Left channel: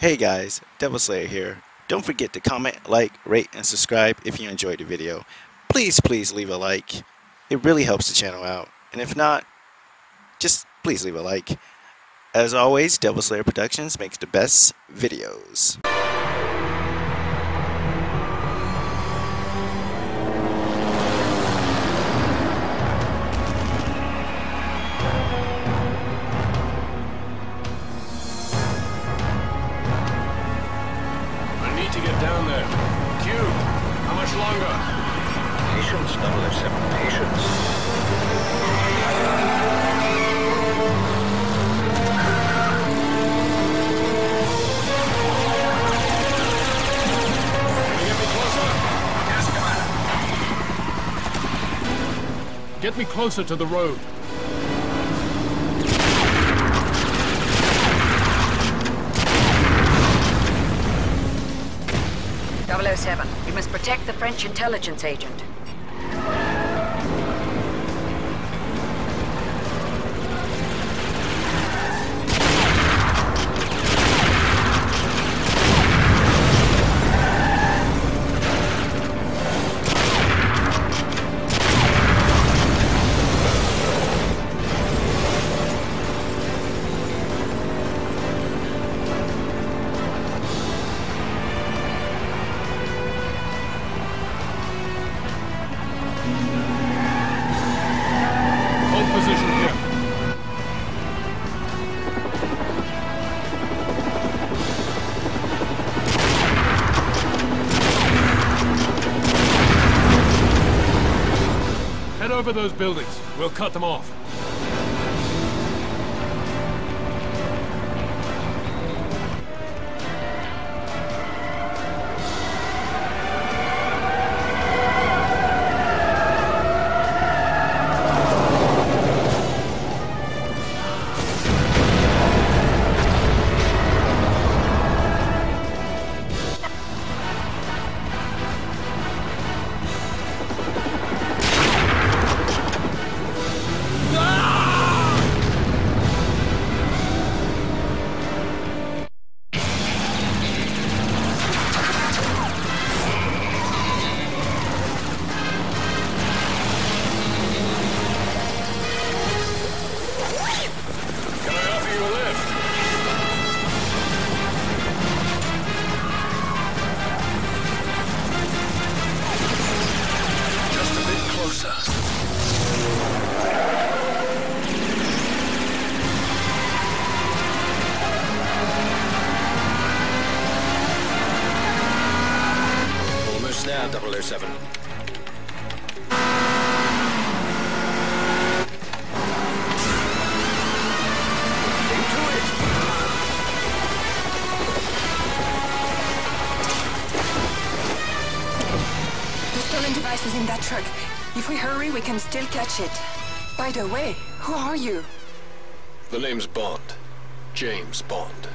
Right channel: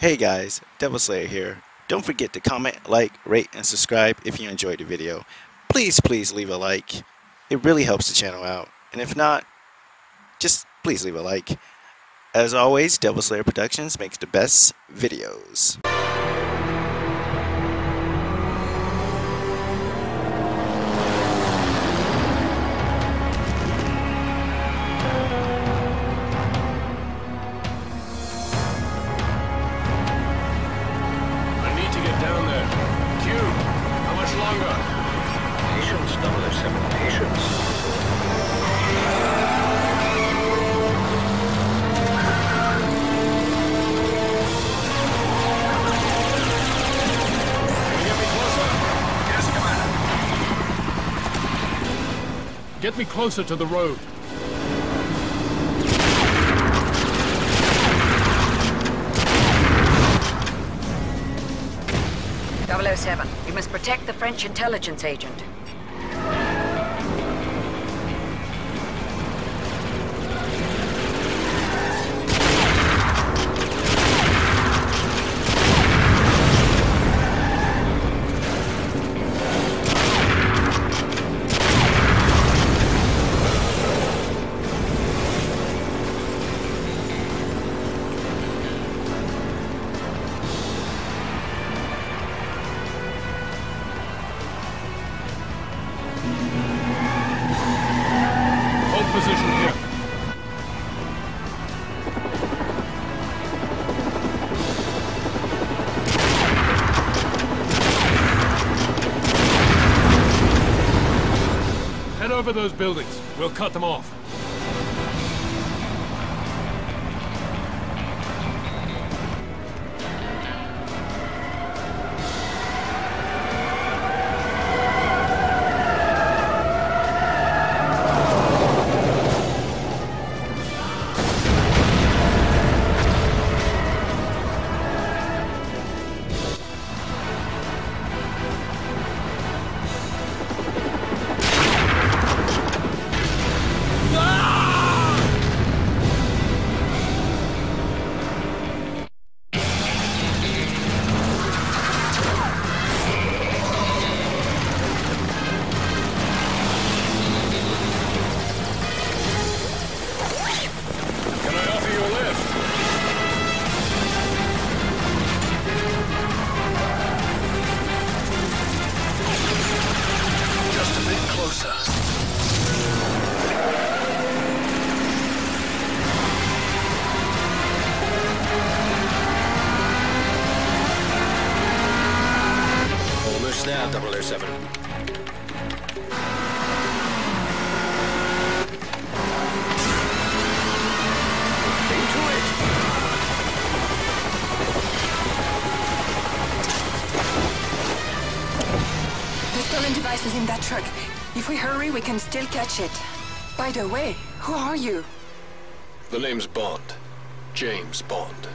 Hey guys, Devil Slayer here. Don't forget to comment, like, rate, and subscribe if you enjoyed the video. Please leave a like. It really helps the channel out. And if not, just please leave a like. As always, Devil Slayer Productions makes the best videos. Down there. Q, how much longer? Patience, 007, patience. Can you get me closer? Yes, Commander. Get me closer to the road. 007, we must protect the French intelligence agent. Position here. Head over those buildings. We'll cut them off. Closer. Almost there, 007. Into it. The stolen device is in that truck. If we hurry, we can still catch it. By the way, who are you? The name's Bond. James Bond.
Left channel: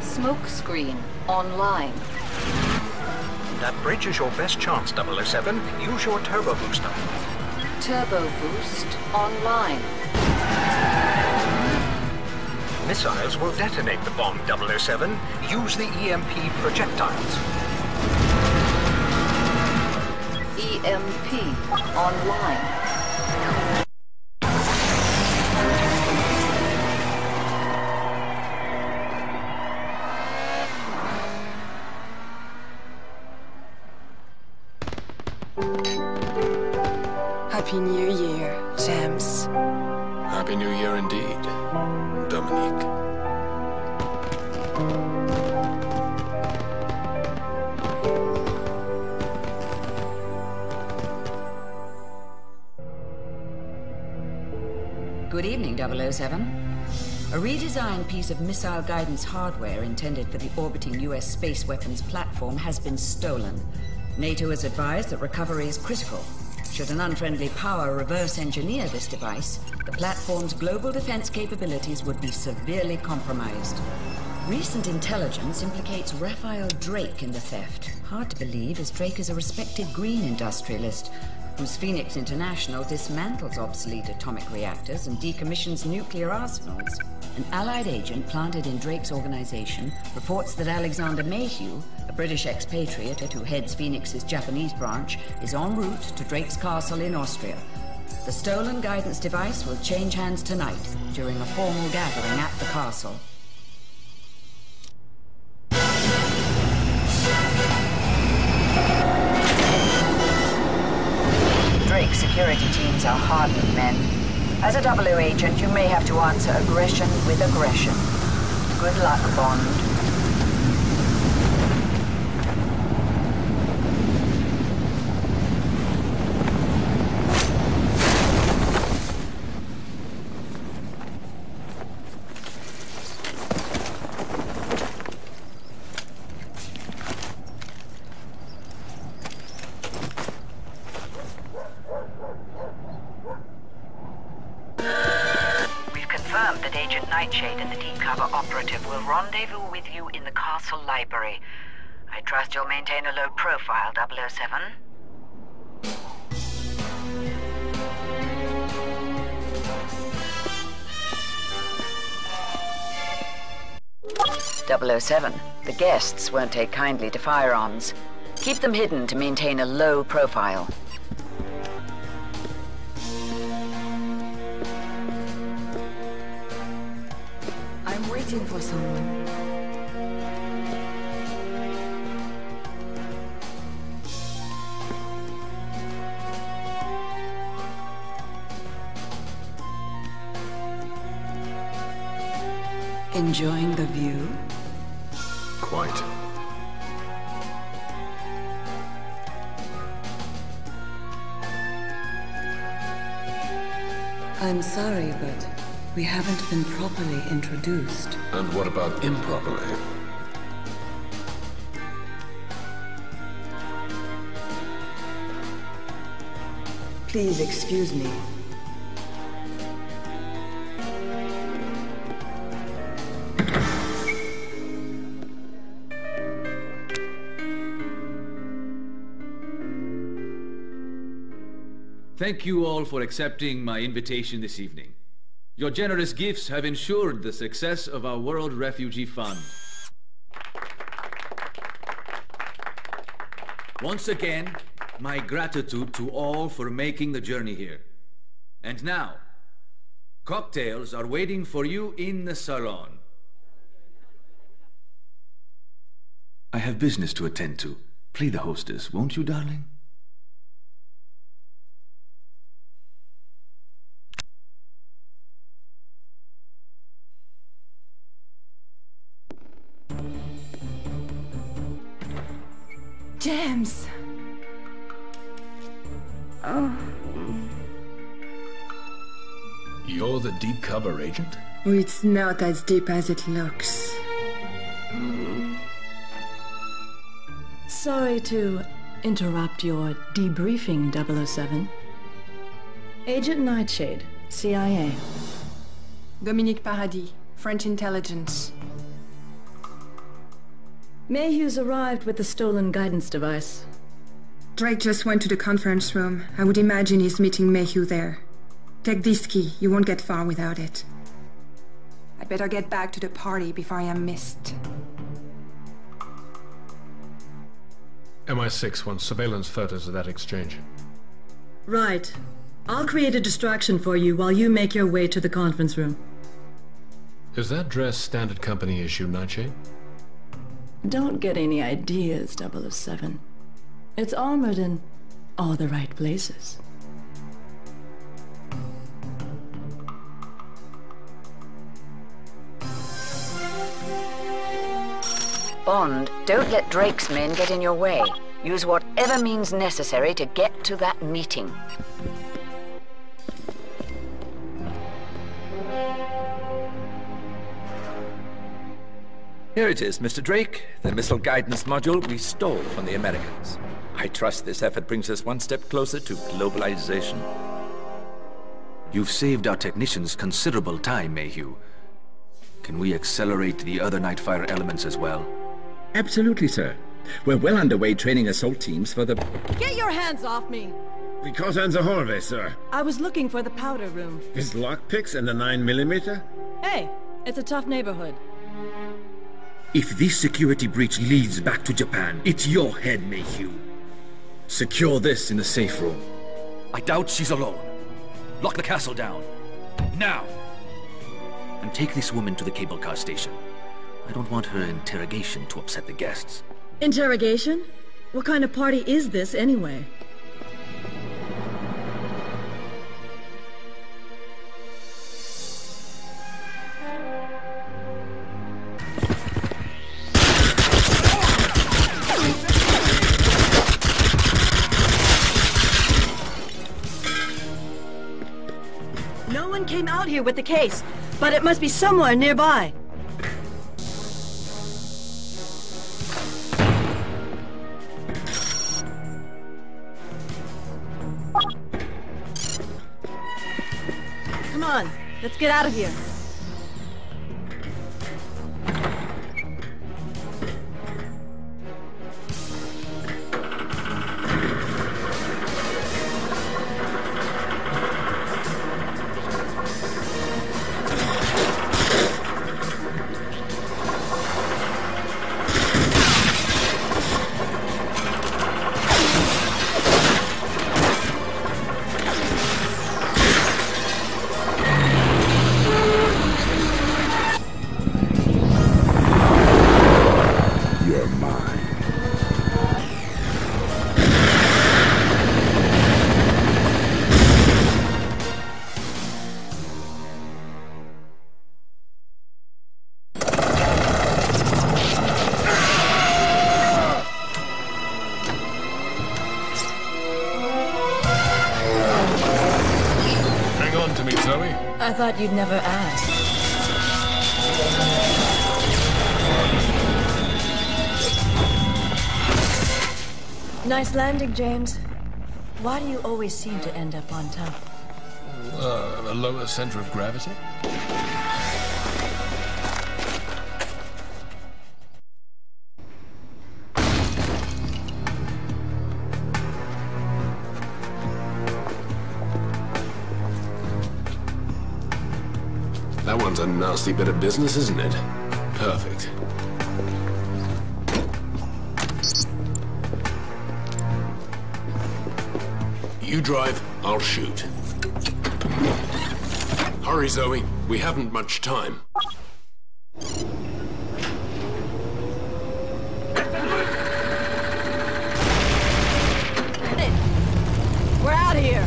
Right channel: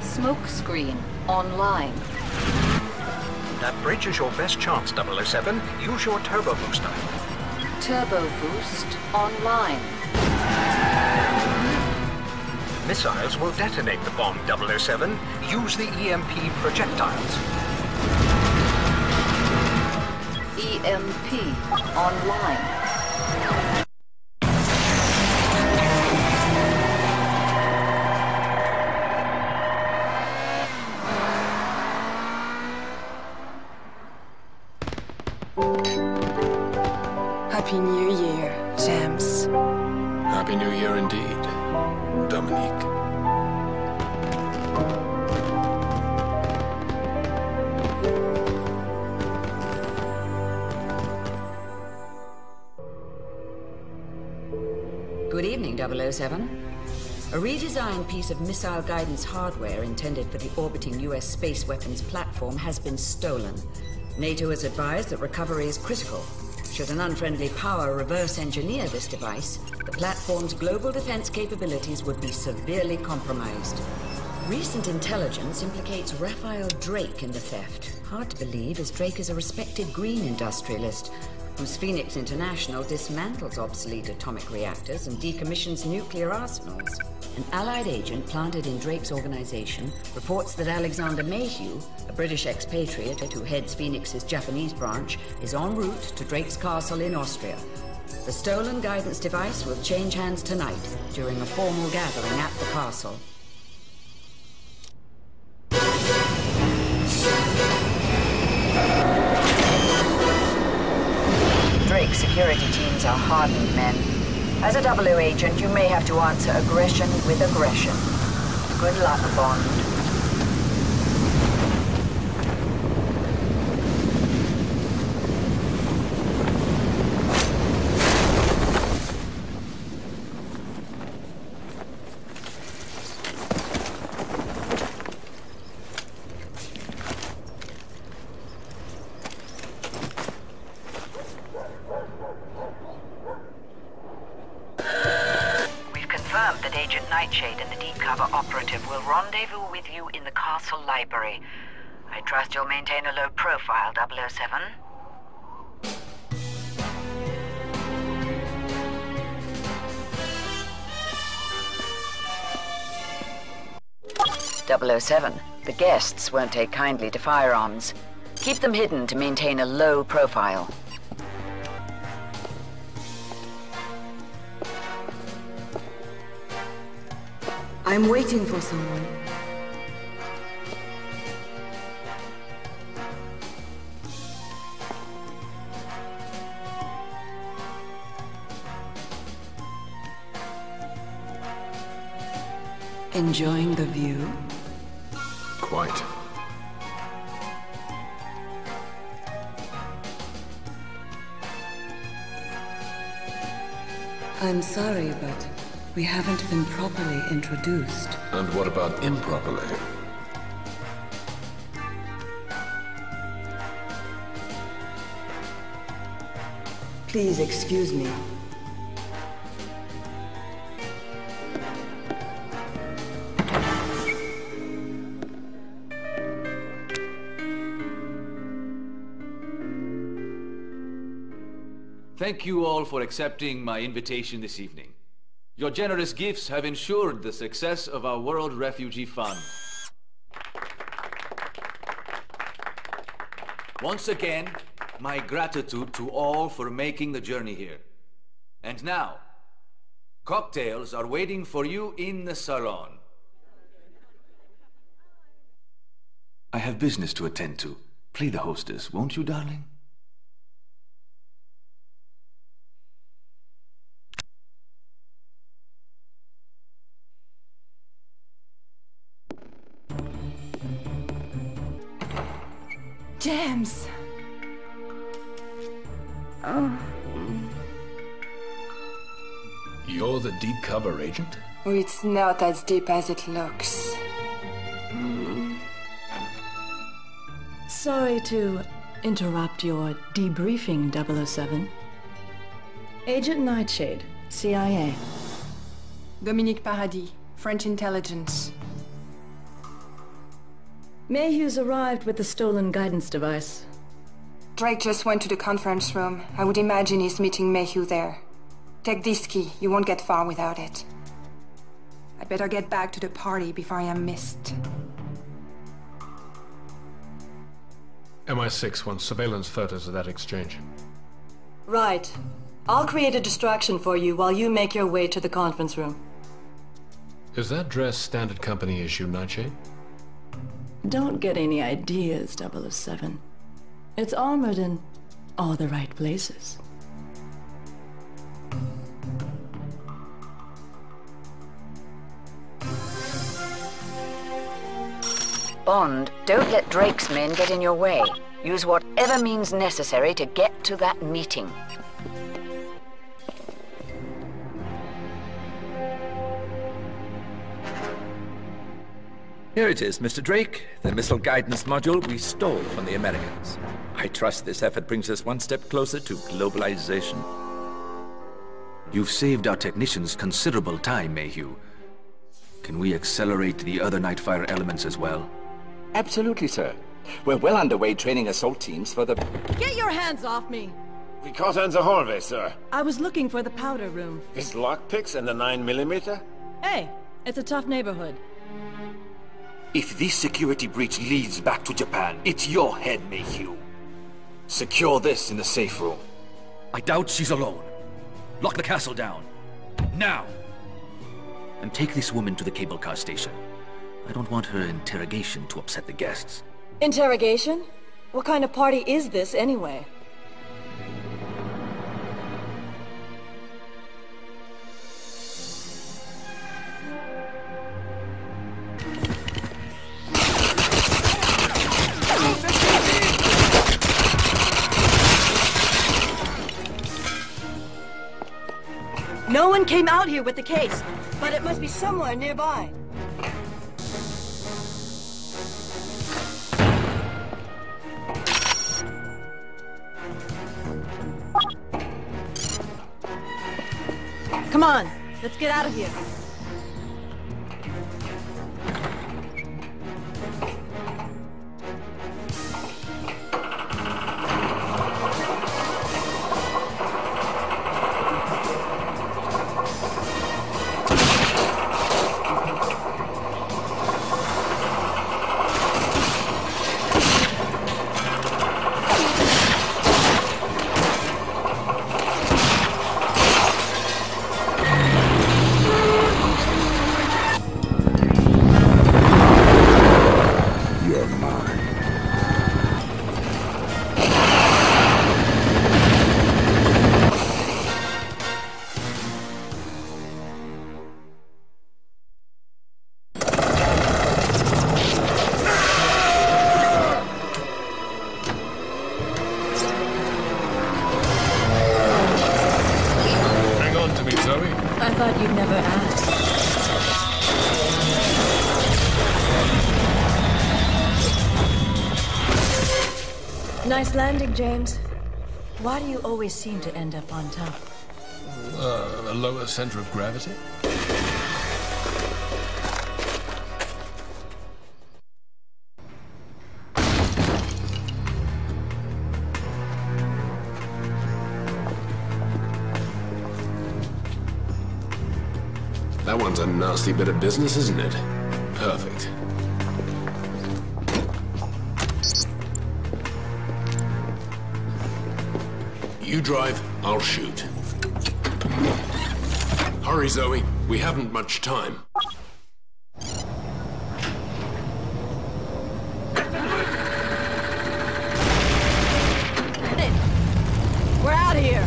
Smoke screen online. That bridge is your best chance, 007. Use your turbo booster. Turbo boost online. Missiles will detonate the bomb, 007. Use the EMP projectiles. EMP online. Happy New Year, James. Happy New Year indeed, Dominique. Good evening, 007. A redesigned piece of missile guidance hardware intended for the orbiting U.S. space weapons platform has been stolen. NATO has advised that recovery is critical. Should an unfriendly power reverse engineer this device, the platform's global defense capabilities would be severely compromised. Recent intelligence implicates Raphael Drake in the theft. Hard to believe, as Drake is a respected green industrialist. whose Phoenix International dismantles obsolete atomic reactors and decommissions nuclear arsenals. An Allied agent planted in Drake's organization reports that Alexander Mayhew, a British expatriate who heads Phoenix's Japanese branch, is en route to Drake's castle in Austria. The stolen guidance device will change hands tonight during a formal gathering at the castle. Drake's security teams are hardened men. As a double O agent, you may have to answer aggression with aggression. Good luck, Bond. That Agent Nightshade and the deep cover operative will rendezvous with you in the castle library. I trust you'll maintain a low profile, 007. 007, the guests won't take kindly to firearms. Keep them hidden to maintain a low profile. I'm waiting for someone. Enjoying the view? Quite. I'm sorry, but we haven't been properly introduced. And what about improperly? Please excuse me. Thank you all for accepting my invitation this evening. Your generous gifts have ensured the success of our World Refugee Fund. Once again, my gratitude to all for making the journey here. And now, cocktails are waiting for you in the salon. I have business to attend to. Play the hostess, won't you, darling? James! Oh. You're the deep cover agent? Oh, it's not as deep as it looks. Sorry to interrupt your debriefing, 007. Agent Nightshade, CIA. Dominique Paradis, French intelligence. Mayhew's arrived with the stolen guidance device. Drake just went to the conference room. I would imagine he's meeting Mayhew there. Take this key. You won't get far without it. I'd better get back to the party before I am missed. MI6 wants surveillance photos of that exchange. Right. I'll create a distraction for you while you make your way to the conference room. Is that dress standard company issue, Nightshade? Don't get any ideas, 007. It's armored in all the right places. Bond, don't let Drake's men get in your way. Use whatever means necessary to get to that meeting. Here it is, Mr. Drake, the missile guidance module we stole from the Americans. I trust this effort brings us one step closer to globalization. You've saved our technicians considerable time, Mayhew. Can we accelerate the other Nightfire elements as well? Absolutely, sir. We're well underway training assault teams for the... Get your hands off me! We caught her in the hallway, sir. I was looking for the powder room. With lockpicks and a 9mm? Hey, it's a tough neighborhood. If this security breach leads back to Japan, it's your head, Mayhew. Secure this in the safe room. I doubt she's alone. Lock the castle down. Now! And take this woman to the cable car station. I don't want her interrogation to upset the guests. Interrogation? What kind of party is this, anyway? No one came out here with the case, but it must be somewhere nearby. Come on, let's get out of here. I thought you'd never ask. Nice landing, James. Why do you always seem to end up on top? A lower center of gravity? That one's a nasty bit of business, isn't it? Perfect. You drive, I'll shoot. Hurry, Zoe. We haven't much time. We're out of here.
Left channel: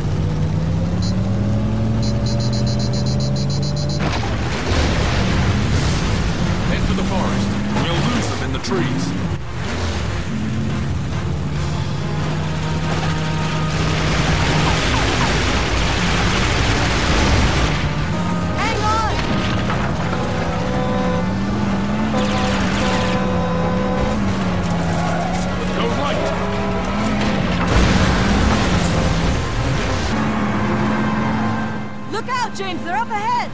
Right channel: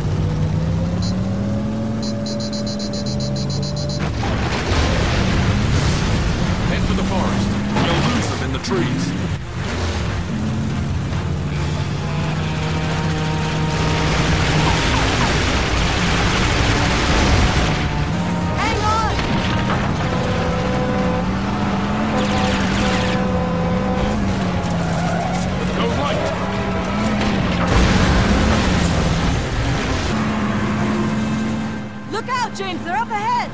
Head for the forest. You'll lose them in the trees. Look out, James! They're up ahead!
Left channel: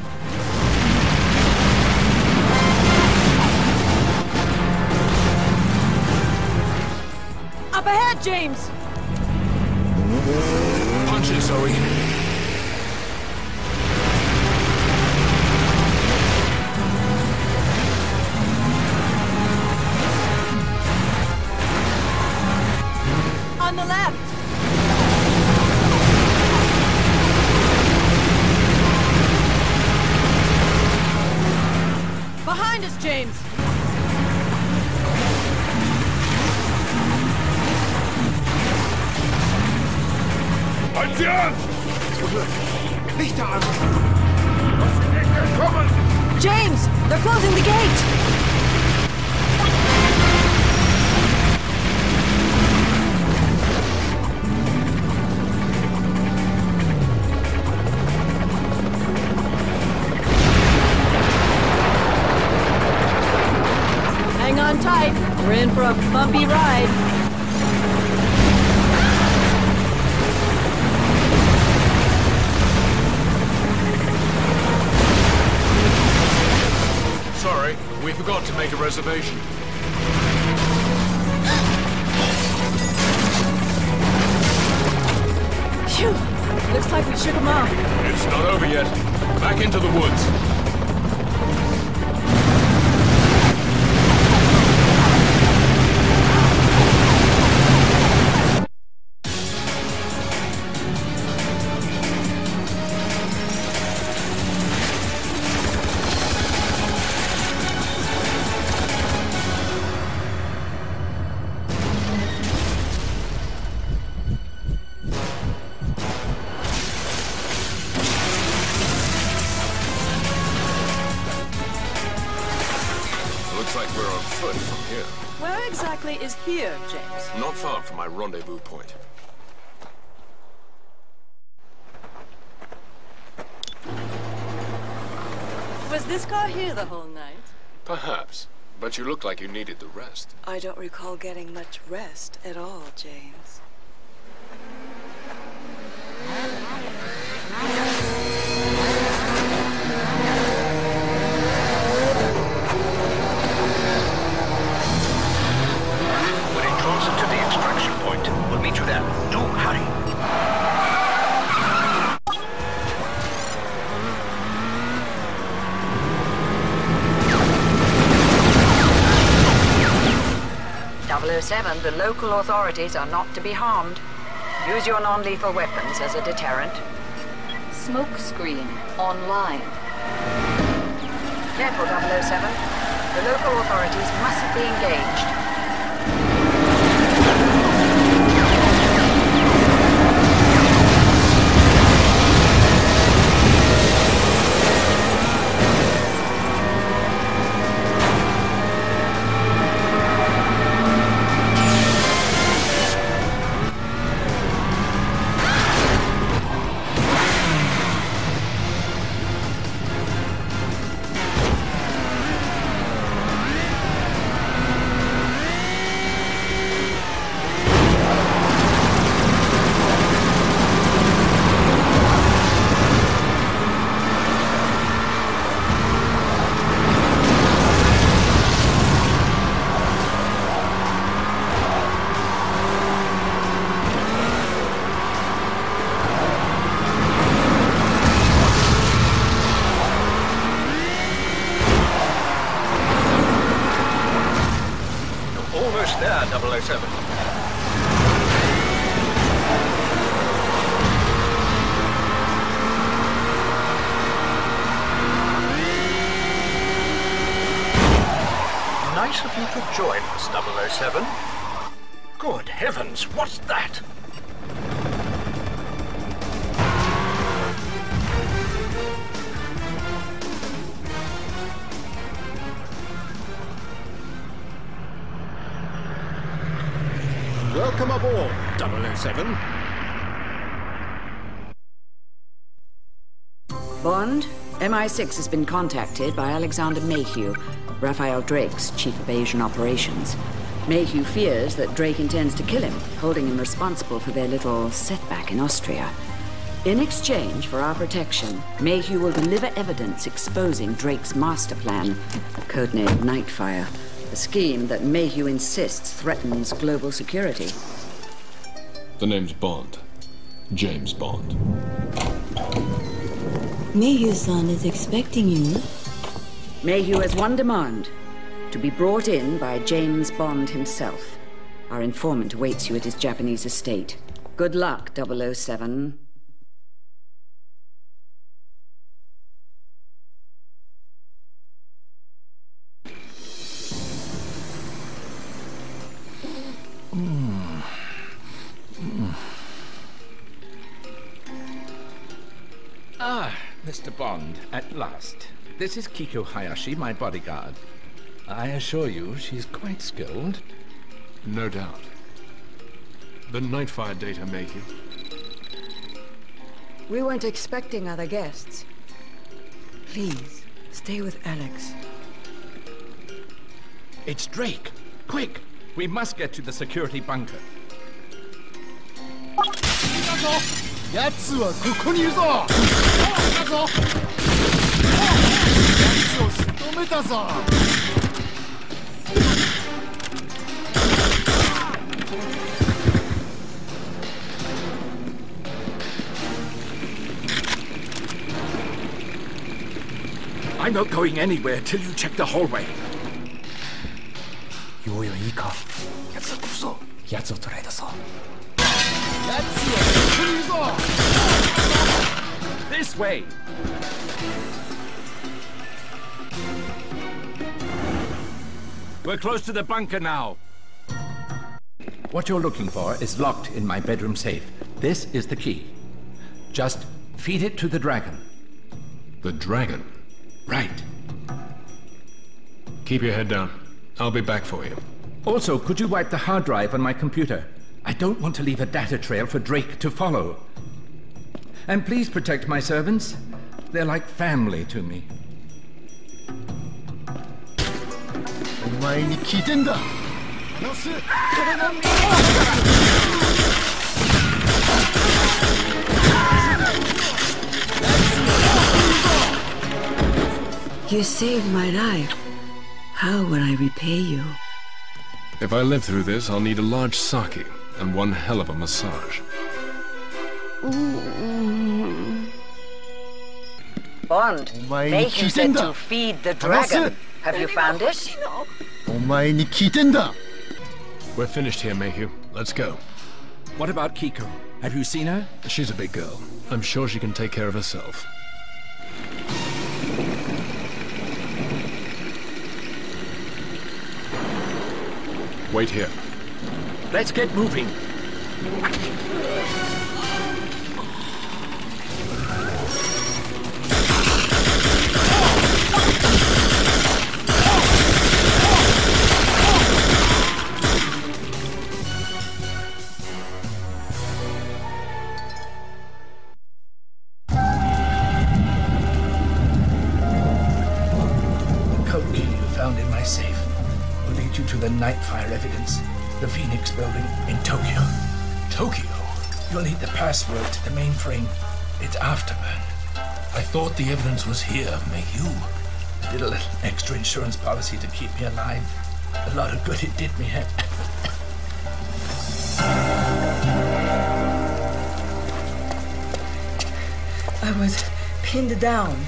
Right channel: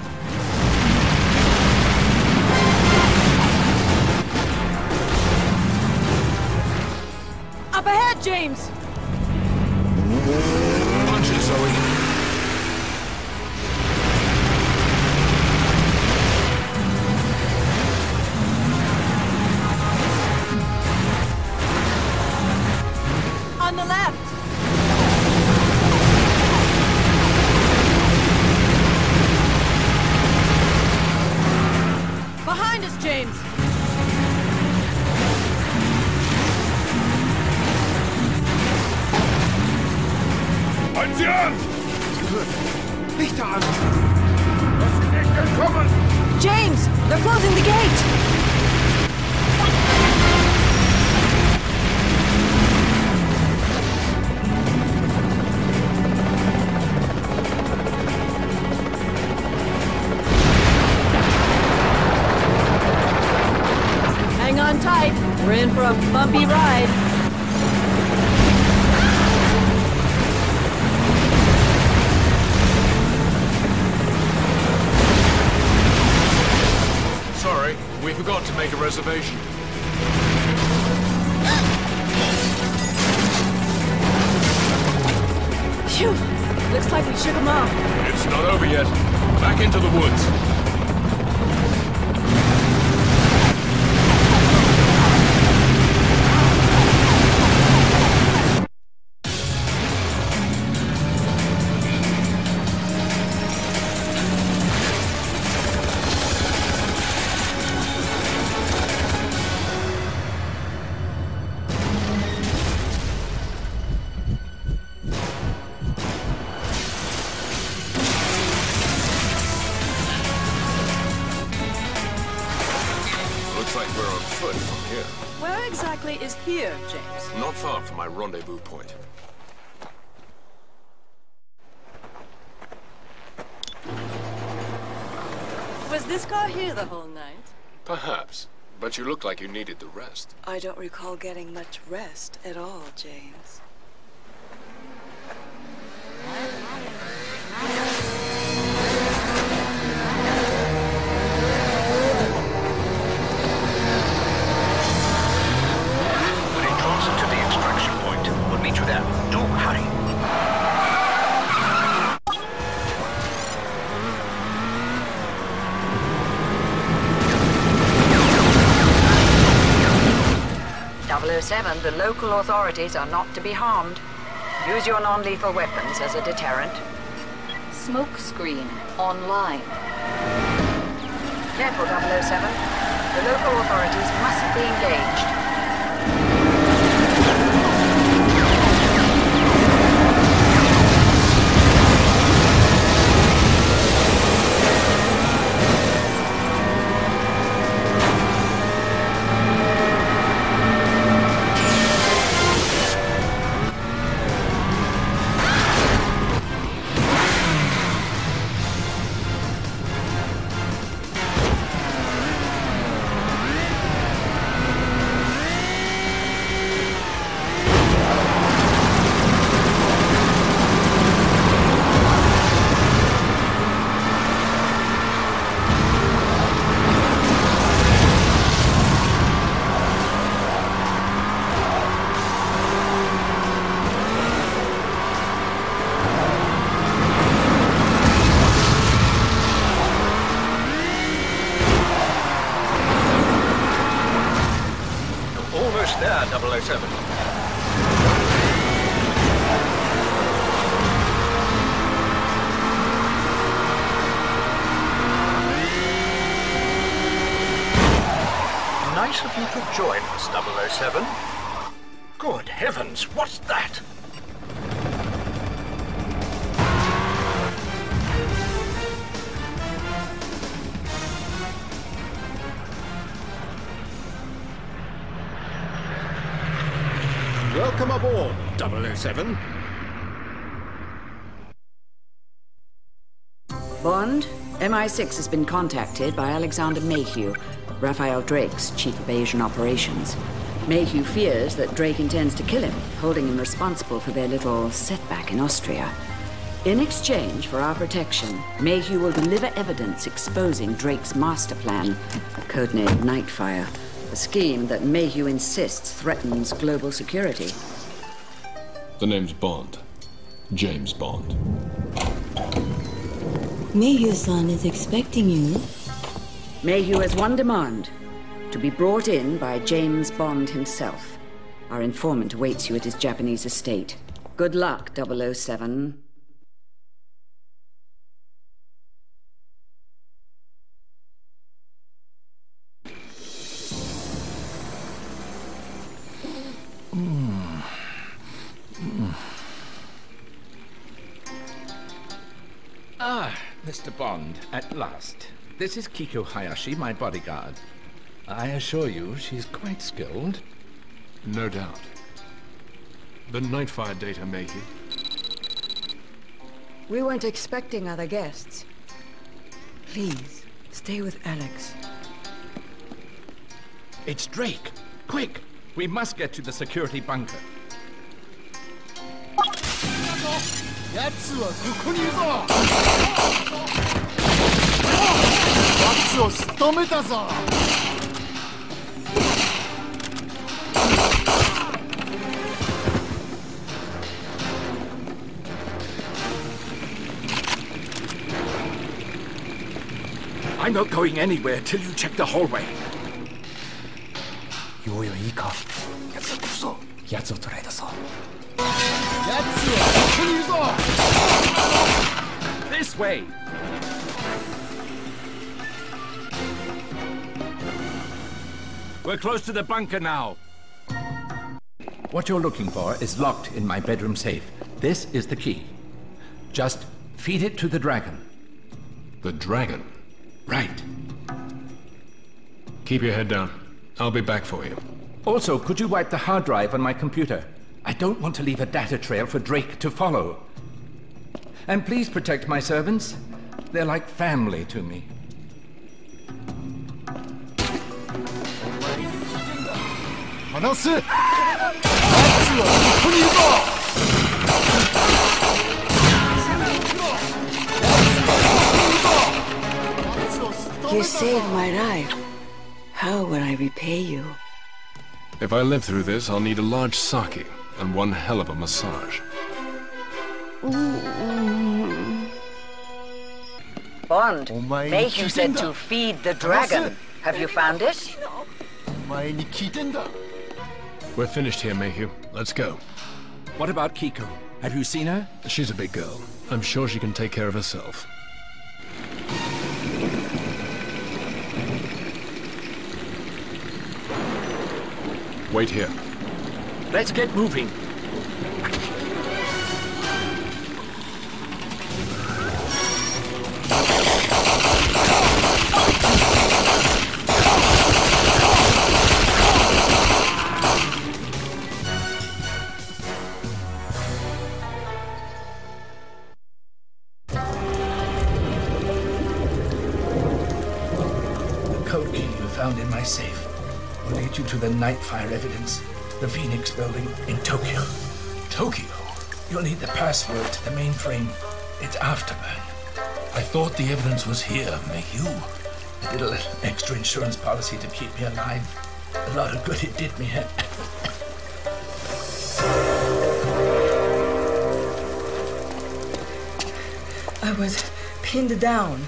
Up ahead, James! Punch it, Zoe. On the left! Behind us, James! Halten Sie an! Lichter an! Lass sie nicht entkommen! James! They're closing the gate! Hang on tight. We're in for a bumpy ride. Sorry, we forgot to make a reservation. Phew. Phew! Looks like we shook him off. It's not over yet. Back into the woods. Looks like we're on foot from here. Where exactly is here, James? Not far from my rendezvous point. Was this car here the whole night? Perhaps. But you look like you needed the rest. I don't recall getting much rest at all, James. We're in transit to the extraction point. We'll meet you there. Do hurry. .007, the local authorities are not to be harmed. Use your non-lethal weapons as a deterrent. Smoke screen online. Careful, 007. The local authorities mustn't be engaged. Almost there, 007. Nice of you to join us, 007. Good heavens, what's that? Welcome aboard, 007. Bond, MI6 has been contacted by Alexander Mayhew, Raphael Drake's chief of Asian operations. Mayhew fears that Drake intends to kill him, holding him responsible for their little setback in Austria. In exchange for our protection, Mayhew will deliver evidence exposing Drake's master plan, codenamed Nightfire, a scheme that Mayhew insists threatens global security. The name's Bond. James Bond. Mayhew-san is expecting you. Mayhew has one demand: to be brought in by James Bond himself. Our informant awaits you at his Japanese estate. Good luck, 007. Ah, Mr. Bond, at last. This is Kiko Hayashi, my bodyguard. I assure you, she's quite skilled. No doubt. The Nightfire data, Mayhew. We weren't expecting other guests. Please, stay with Alex. It's Drake! Quick! We must get to the security bunker. 奴はここにいるぞ。だぞ。奴を仕留めたぞ。I'm not going anywhere till you check the hallway. ようよいいか。奴こそ奴を捕らえたぞ。奴はここにいるぞ。This way. We're close to the bunker now. What you're looking for is locked in my bedroom safe. This is the key. Just feed it to the dragon. The dragon? Right. Keep your head down. I'll be back for you. Also, could you wipe the hard drive on my computer? I don't want to leave a data trail for Drake to follow. And please protect my servants. They're like family to me. お前に聞いてんだ。話せ。奴はここにいるぞ。 You saved my life. How will I repay you? If I live through this, I'll need a large sake and one hell of a massage. Bond, Mayhew said to feed the dragon. Have you found it? お前に聞いてんだ。 We're finished here, Mayhew. Let's go. What about Kiko? Have you seen her? She's a big girl. I'm sure she can take care of herself. Wait here. Let's get moving. The code key you found in my safe will lead you to the Nightfire evidence, the Phoenix building in Tokyo. Tokyo? You'll need the password to the mainframe. It's Afterburn. I thought the evidence was here, Mayhew. I did a little extra insurance policy to keep me alive. A lot of good it did me. I was pinned down.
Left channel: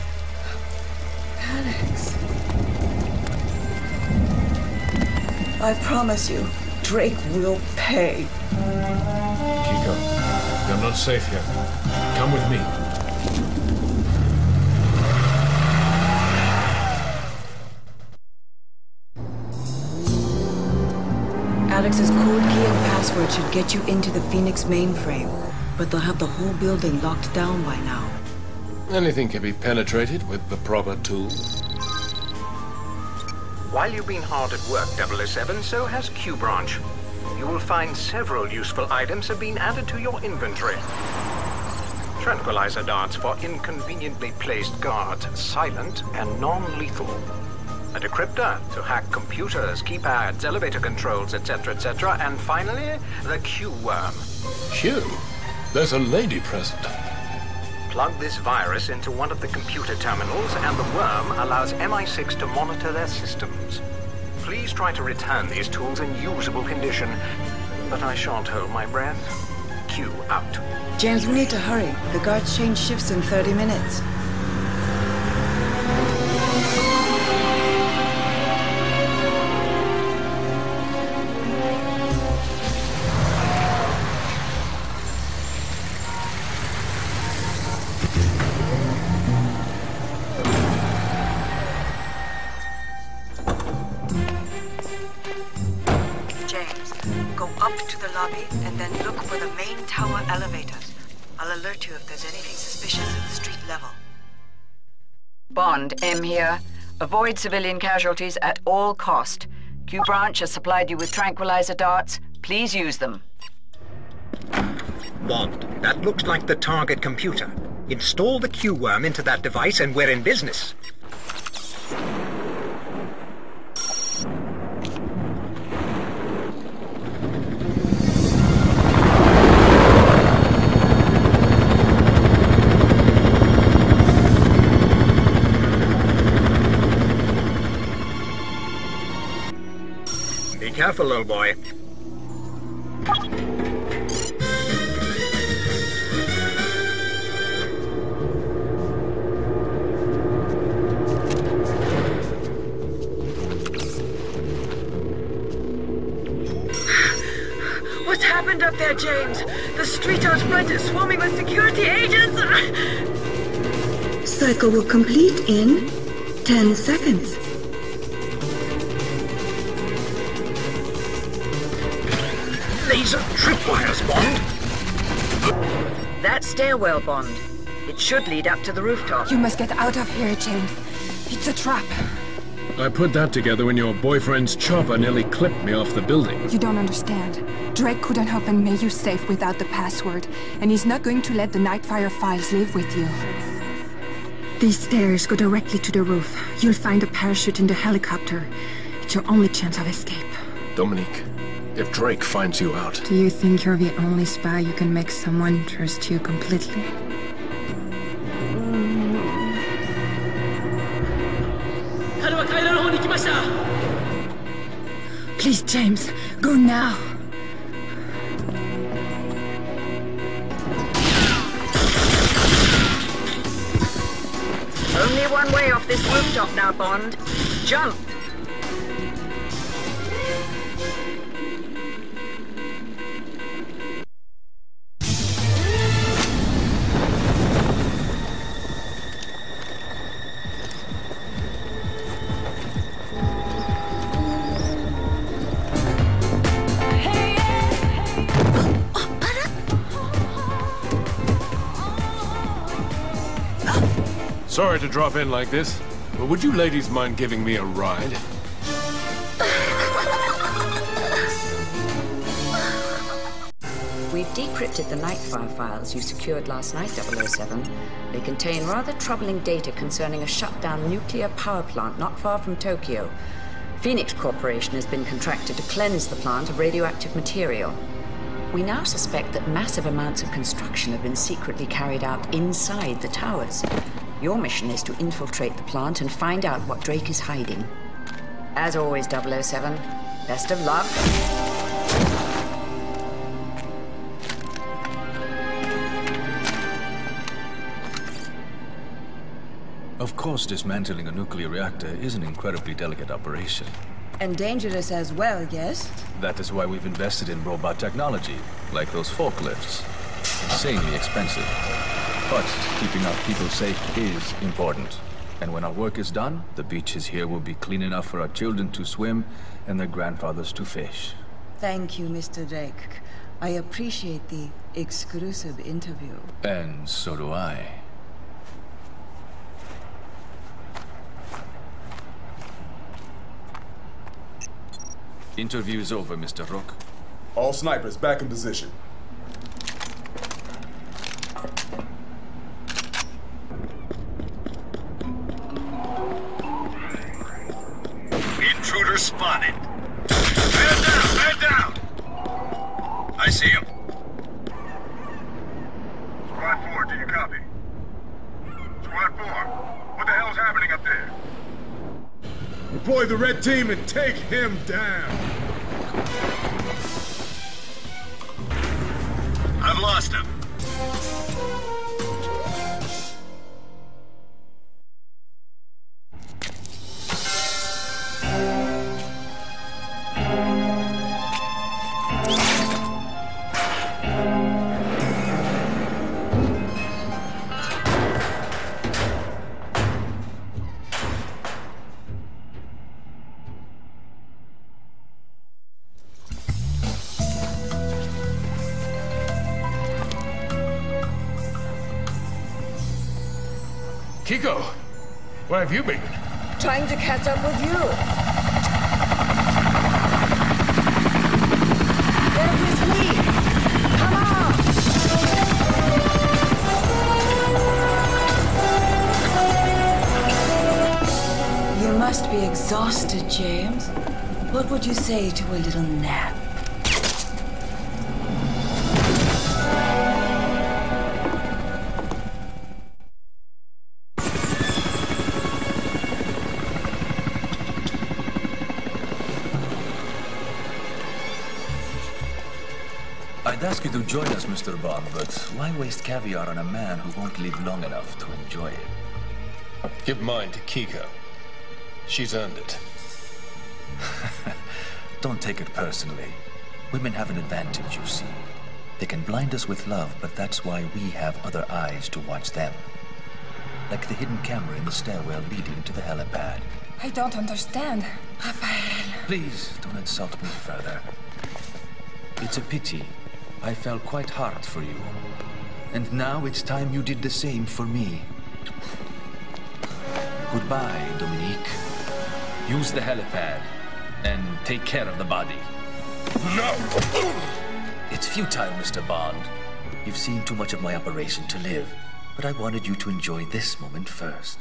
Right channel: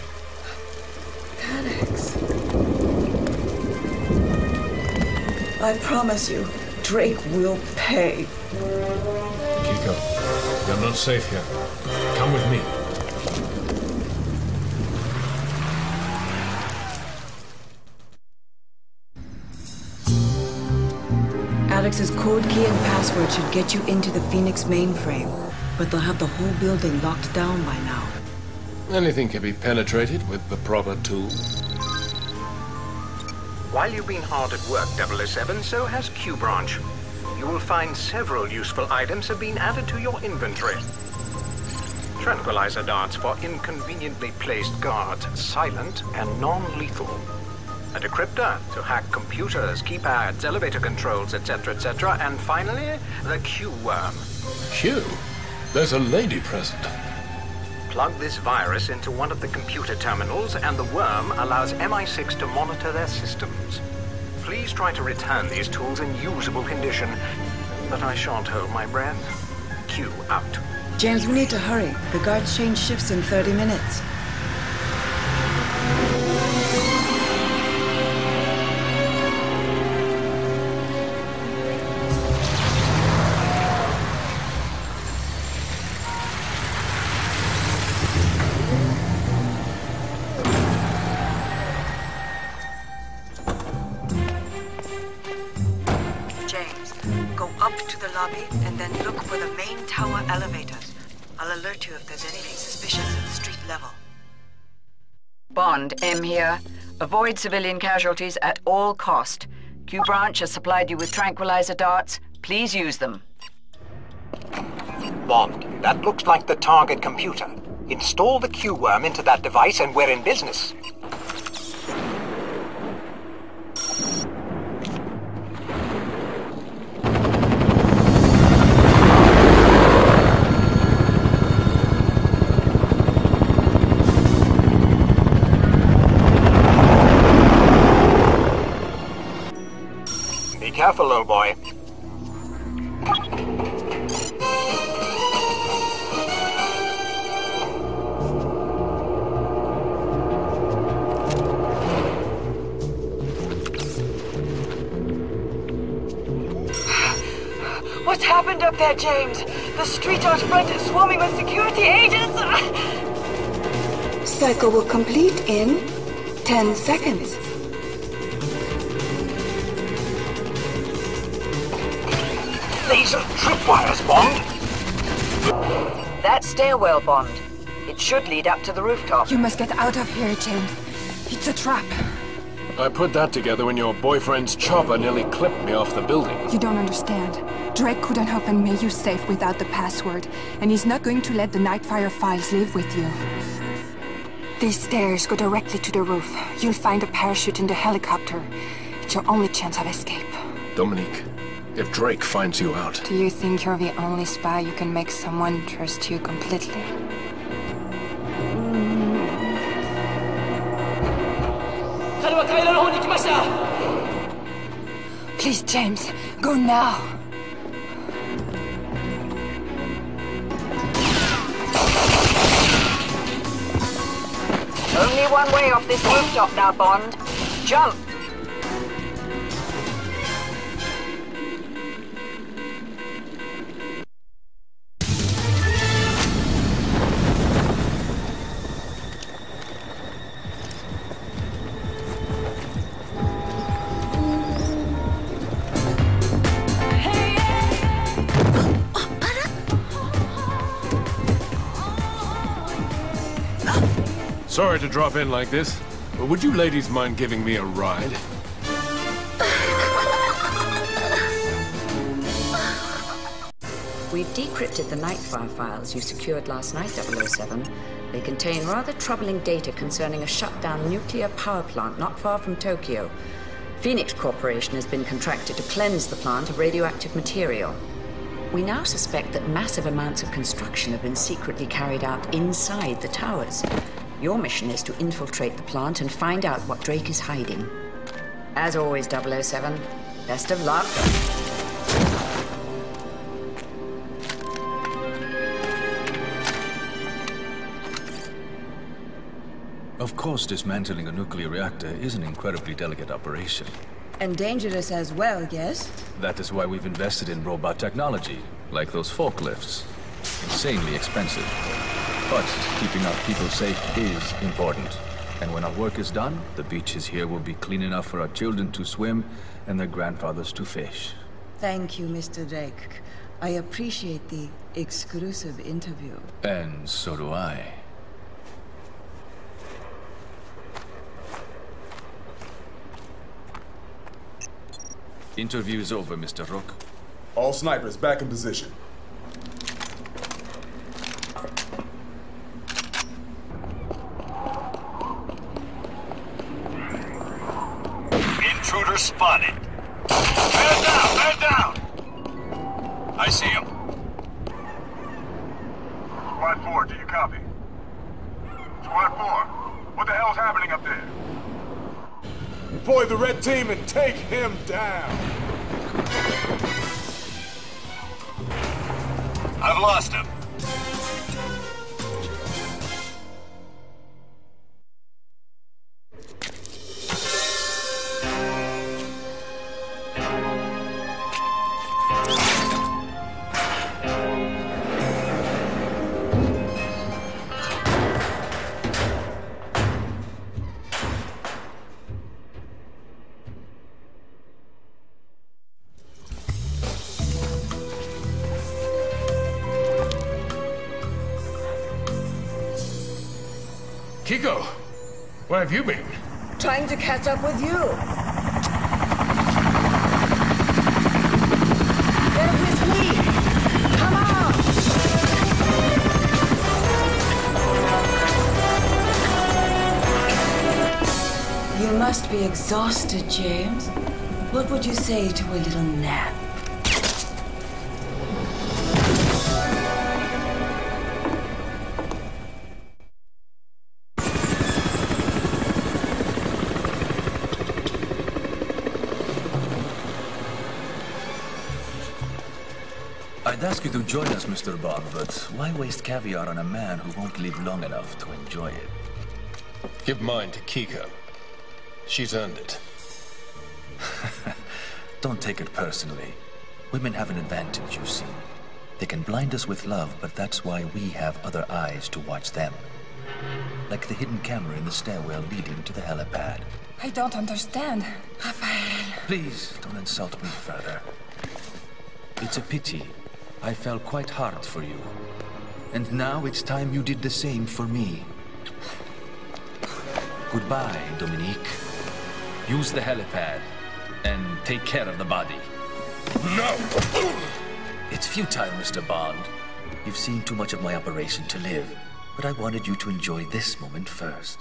Alex. I promise you, Drake will pay. Kiko, you're not safe here. Come with me. Alex's code key and password should get you into the Phoenix mainframe, but they'll have the whole building locked down by now. Anything can be penetrated with the proper tools. While you've been hard at work, 007, so has Q Branch. You will find several useful items have been added to your inventory. Tranquilizer darts for inconveniently placed guards, silent and non-lethal. A decryptor to hack computers, keypads, elevator controls, etc., etc. And finally, the Q-worm. Q? There's a lady present. Plug this virus into one of the computer terminals, and the worm allows MI6 to monitor their systems. Please try to return these tools in usable condition, but I shan't hold my breath. Q out. James, we need to hurry. The guards change shifts in 30 minutes. Lobby, and then look for the main tower elevators. I'll alert you if there's anything suspicious at the street level. Bond, M here. Avoid civilian casualties at all cost. Q Branch has supplied you with tranquilizer darts. Please use them. Bond, that looks like the target computer. Install the Q-worm into that device and we're in business. Careful, old boy. What happened up there, James? The street out front is swarming with security agents! Cycle will complete in 10 seconds. Laser tripwires, Bond. That stairwell, Bond. It should lead up to the rooftop. You must get out of here, James. It's a trap. I put that together when your boyfriend's chopper nearly clipped me off the building. You don't understand. Drake couldn't open Mayhew's safe without the password, and he's not going to let the Nightfire files live with you. These stairs go directly to the roof. You'll find a parachute in the helicopter. It's your only chance of escape. Dominique, if Drake finds you out... Do you think you're the only spy who can make someone trust you completely? Please, James, go now. Only one way off this rooftop now, Bond. Jump! Sorry to drop in like this, but would you ladies mind giving me a ride? We've decrypted the Nightfire files you secured last night, 007. They contain rather troubling data concerning a shut-down nuclear power plant not far from Tokyo. Phoenix Corporation has been contracted to cleanse the plant of radioactive material. We now suspect that massive amounts of construction have been secretly carried out inside the towers. Your mission is to infiltrate the plant and find out what Drake is hiding. As always, 007, best of luck. Of course, dismantling a nuclear reactor is an incredibly delicate operation. And dangerous as well, yes? That is why we've invested in robot technology, like those forklifts. Insanely expensive. But keeping our people safe is important. And when our work is done, the beaches here will be clean enough for our children to swim and their grandfathers to fish. Thank you, Mr. Drake. I appreciate the exclusive interview. And so do I. Interview is over, Mr. Rook. All snipers back in position. Intruder spotted. Man down! Man down! I see him. Squad 4, do you copy? Squad 4, what the hell's happening up there? Deploy the red team and take him down. I've lost him. Kiko, where have you been? Trying to catch up with you. Get with me. Come on. You must be exhausted, James. What would you say to a little nap? I'd ask you to join us, Mr. Bond, but why waste caviar on a man who won't live long enough to enjoy it? Give mine to Kiko. She's earned it. Don't take it personally. Women have an advantage, you see. They can blind us with love, but that's why we have other eyes to watch them. Like the hidden camera in the stairwell leading to the helipad. I don't understand, Rafael. Please, don't insult me further. It's a pity. I fell quite hard for you. And now it's time you did the same for me. Goodbye, Dominique. Use the helipad, and take care of the body. No! It's futile, Mr. Bond. You've seen too much of my operation to live, but I wanted you to enjoy this moment first.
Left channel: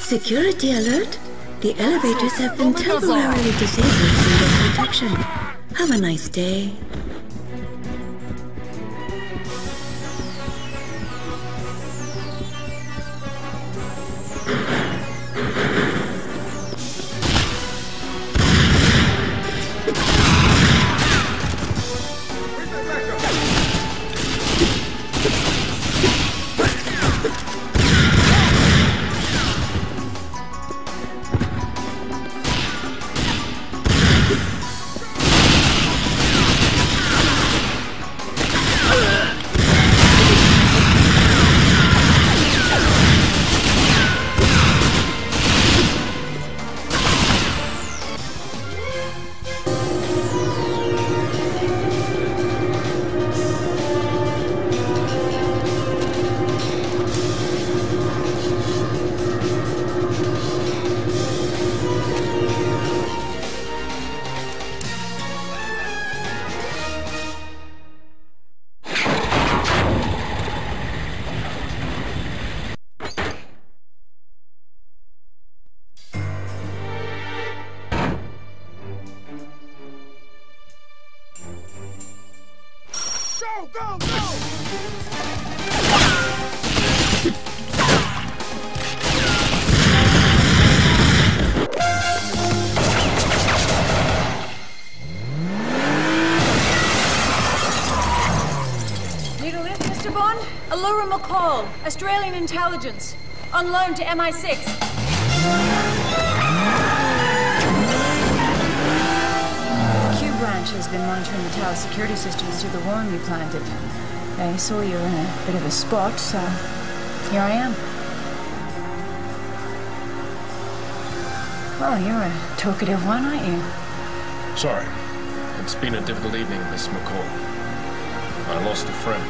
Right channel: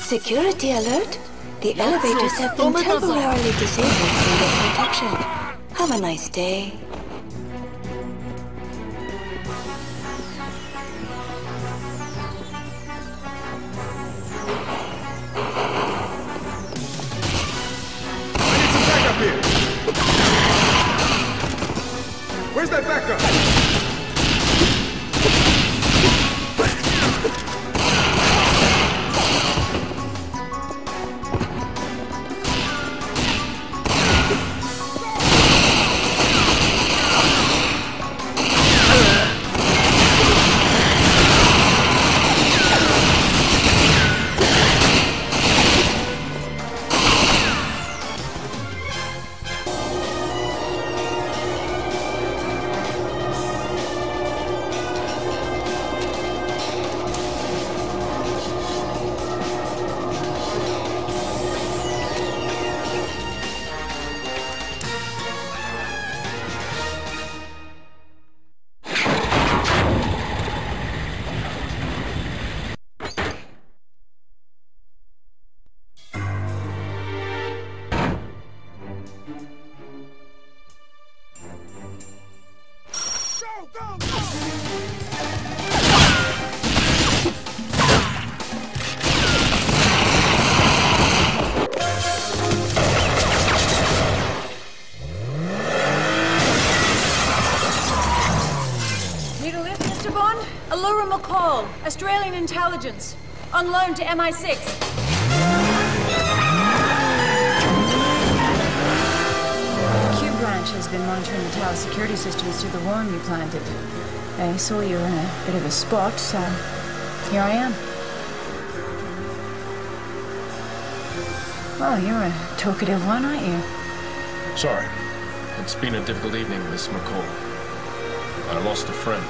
Security alert! The elevators have been temporarily disabled for your protection. Have a nice day. Where's that backup? Australian intelligence. On loan to MI6. Q branch has been monitoring the tower security systems through the worm you planted. They saw you in a bit of a spot, so here I am. Well, you're a talkative one, aren't you? Sorry. It's been a difficult evening, Miss McCall. I lost a friend.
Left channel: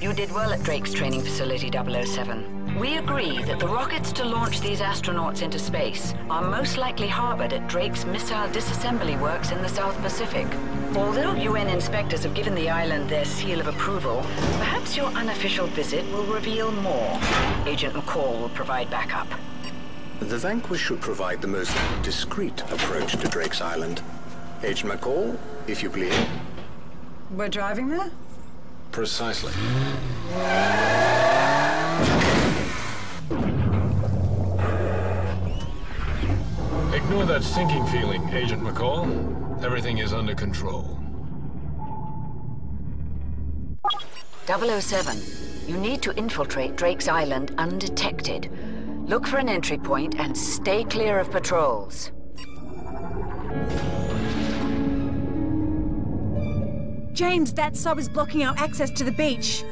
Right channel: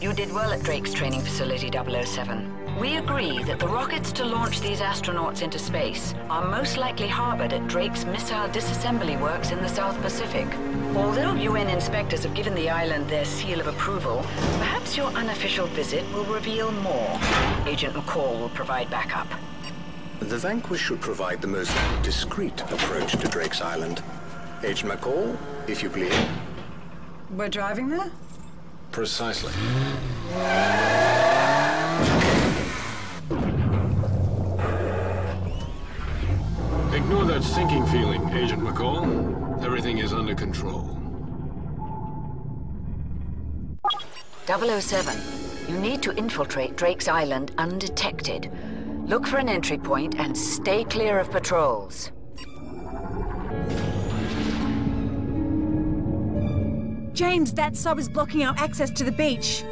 You did well at Drake's training facility, 007. We agree that the rockets to launch these astronauts into space are most likely harbored at Drake's missile disassembly works in the South Pacific. Although UN inspectors have given the island their seal of approval, perhaps your unofficial visit will reveal more. Agent McCall will provide backup. The Vanquish should provide the most discreet approach to Drake's Island. Agent McCall, if you please. We're driving there? Precisely. Ignore that sinking feeling, Agent McCall. Everything is under control. 007, you need to infiltrate Drake's Island undetected. Look for an entry point and stay clear of patrols. James, that sub is blocking our access to the beach.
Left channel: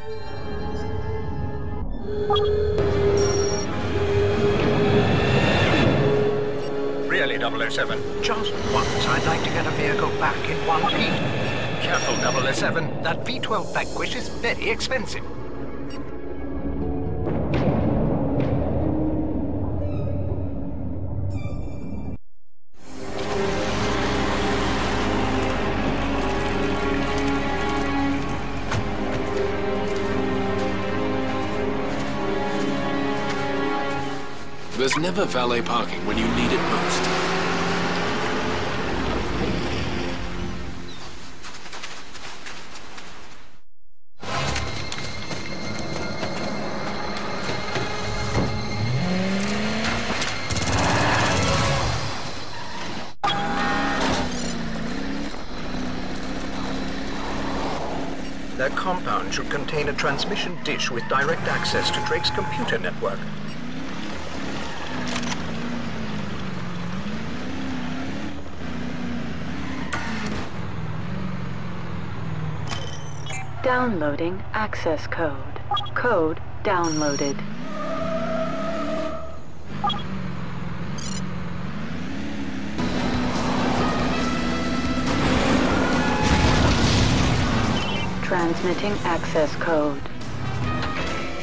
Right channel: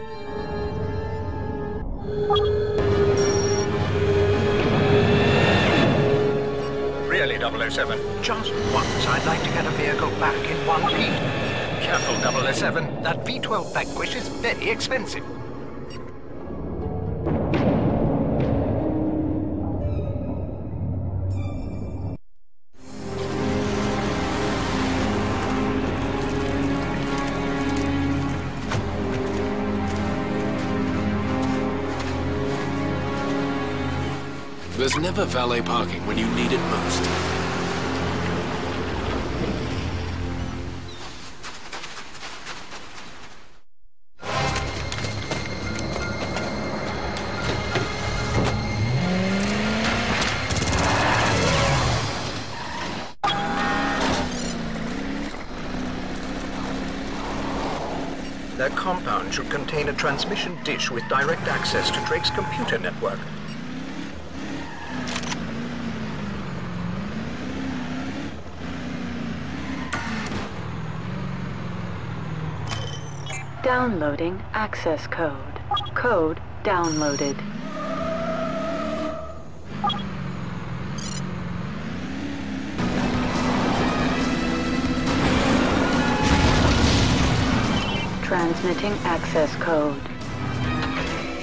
Really, 007, just once I'd like to get a vehicle back in one piece. Careful, 007, that V12 Vanquish is very expensive. There's never valet parking when you need it most. Their compound should contain a transmission dish with direct access to Drake's computer network. Downloading access code. Code downloaded. Transmitting access code.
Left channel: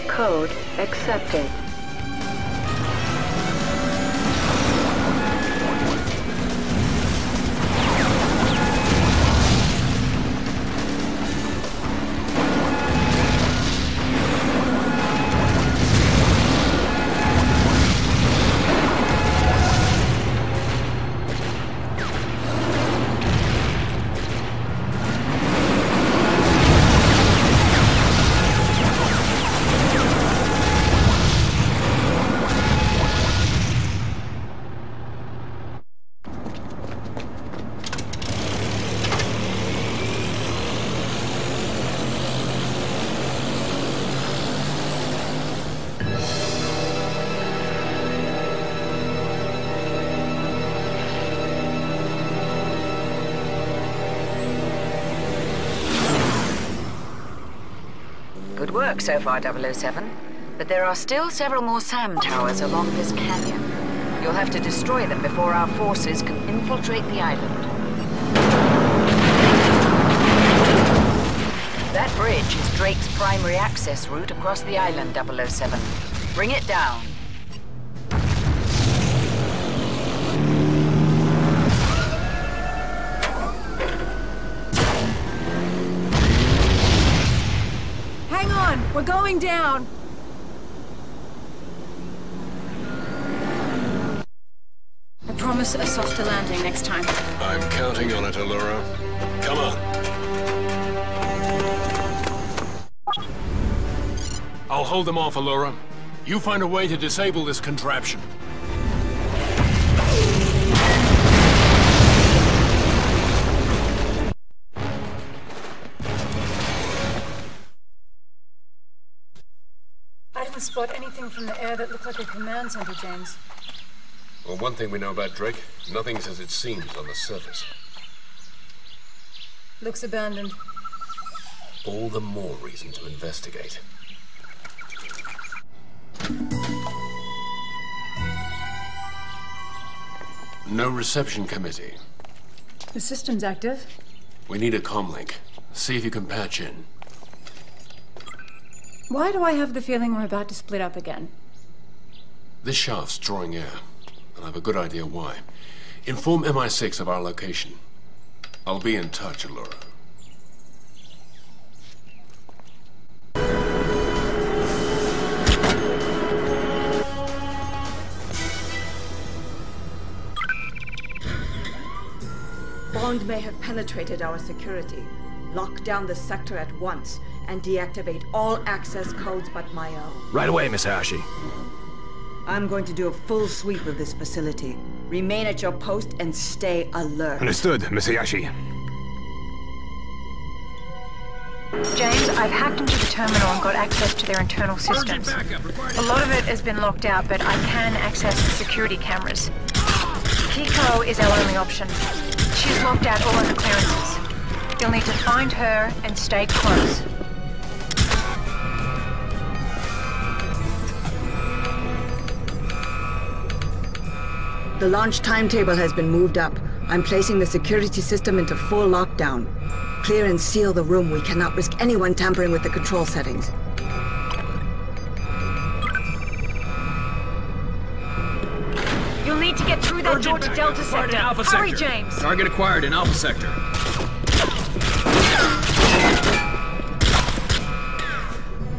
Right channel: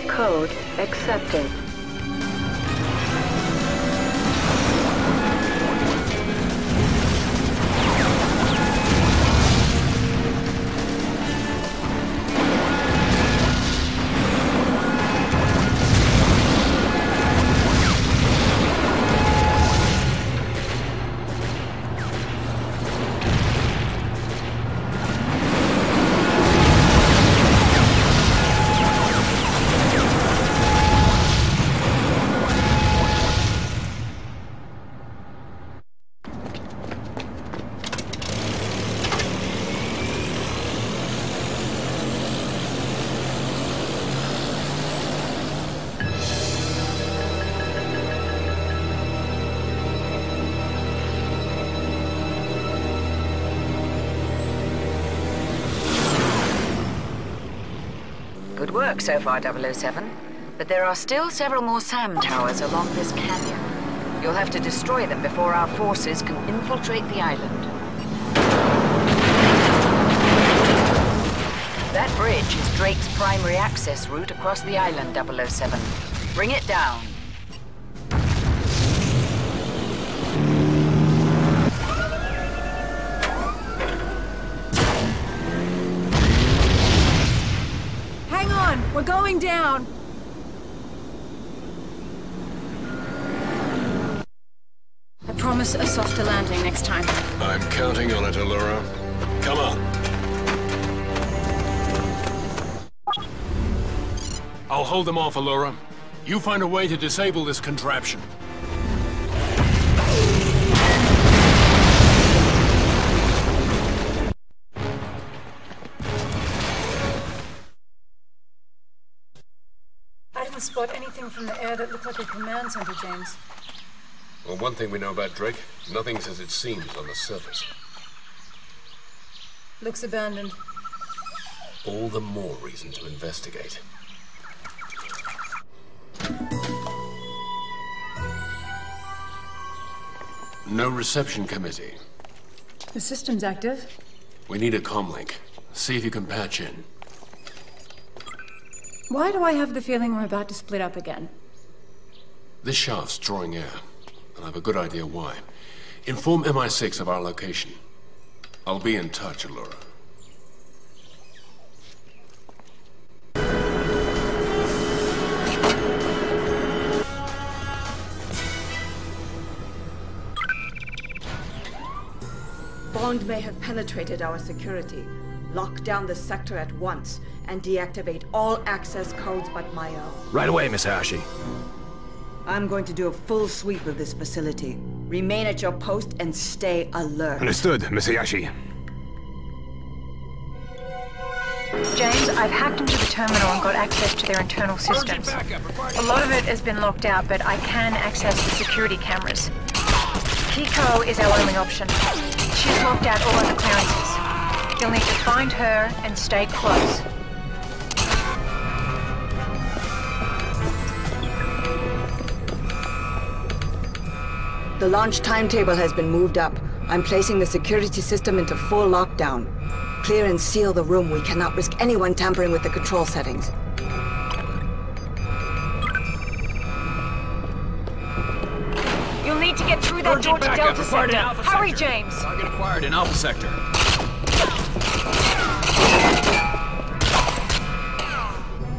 Code accepted. Good work so far, 007. But there are still several more SAM towers along this canyon. You'll have to destroy them before our forces can infiltrate the island. That bridge is Drake's primary access route across the island, 007. Bring it down. Hang on! We're going down! I promise a softer landing next time. I'm counting on it, Allura. Come on. I'll hold them off, Allura. You find a way to disable this contraption. I didn't spot anything from the air that looked like a command center, James. Well, one thing we know about Drake, nothing's as it seems on the surface. Looks abandoned. All the more reason to investigate. No reception committee. The system's active. We need a comlink. See if you can patch in. Why do I have the feeling we're about to split up again? This shaft's drawing air, and I have a good idea why. Inform MI6 of our location. I'll be in touch, Allura. Bond may have penetrated our security. Lock down the sector at once and deactivate all access codes but my own. Right away, Miss Hayashi. I'm going to do a full sweep of this facility. Remain at your post and stay alert. Understood, Miss Hayashi. James, I've hacked into the terminal and got access to their internal systems. A lot of it has been locked out, but I can access the security cameras. Kiko is our only option. She's locked out all other clearances. You'll need to find her and stay close. The launch timetable has been moved up. I'm placing the security system into full lockdown. Clear and seal the room. We cannot risk anyone tampering with the control settings. You'll need to get through that door to Delta Sector. Hurry, James! Target acquired in Alpha Sector.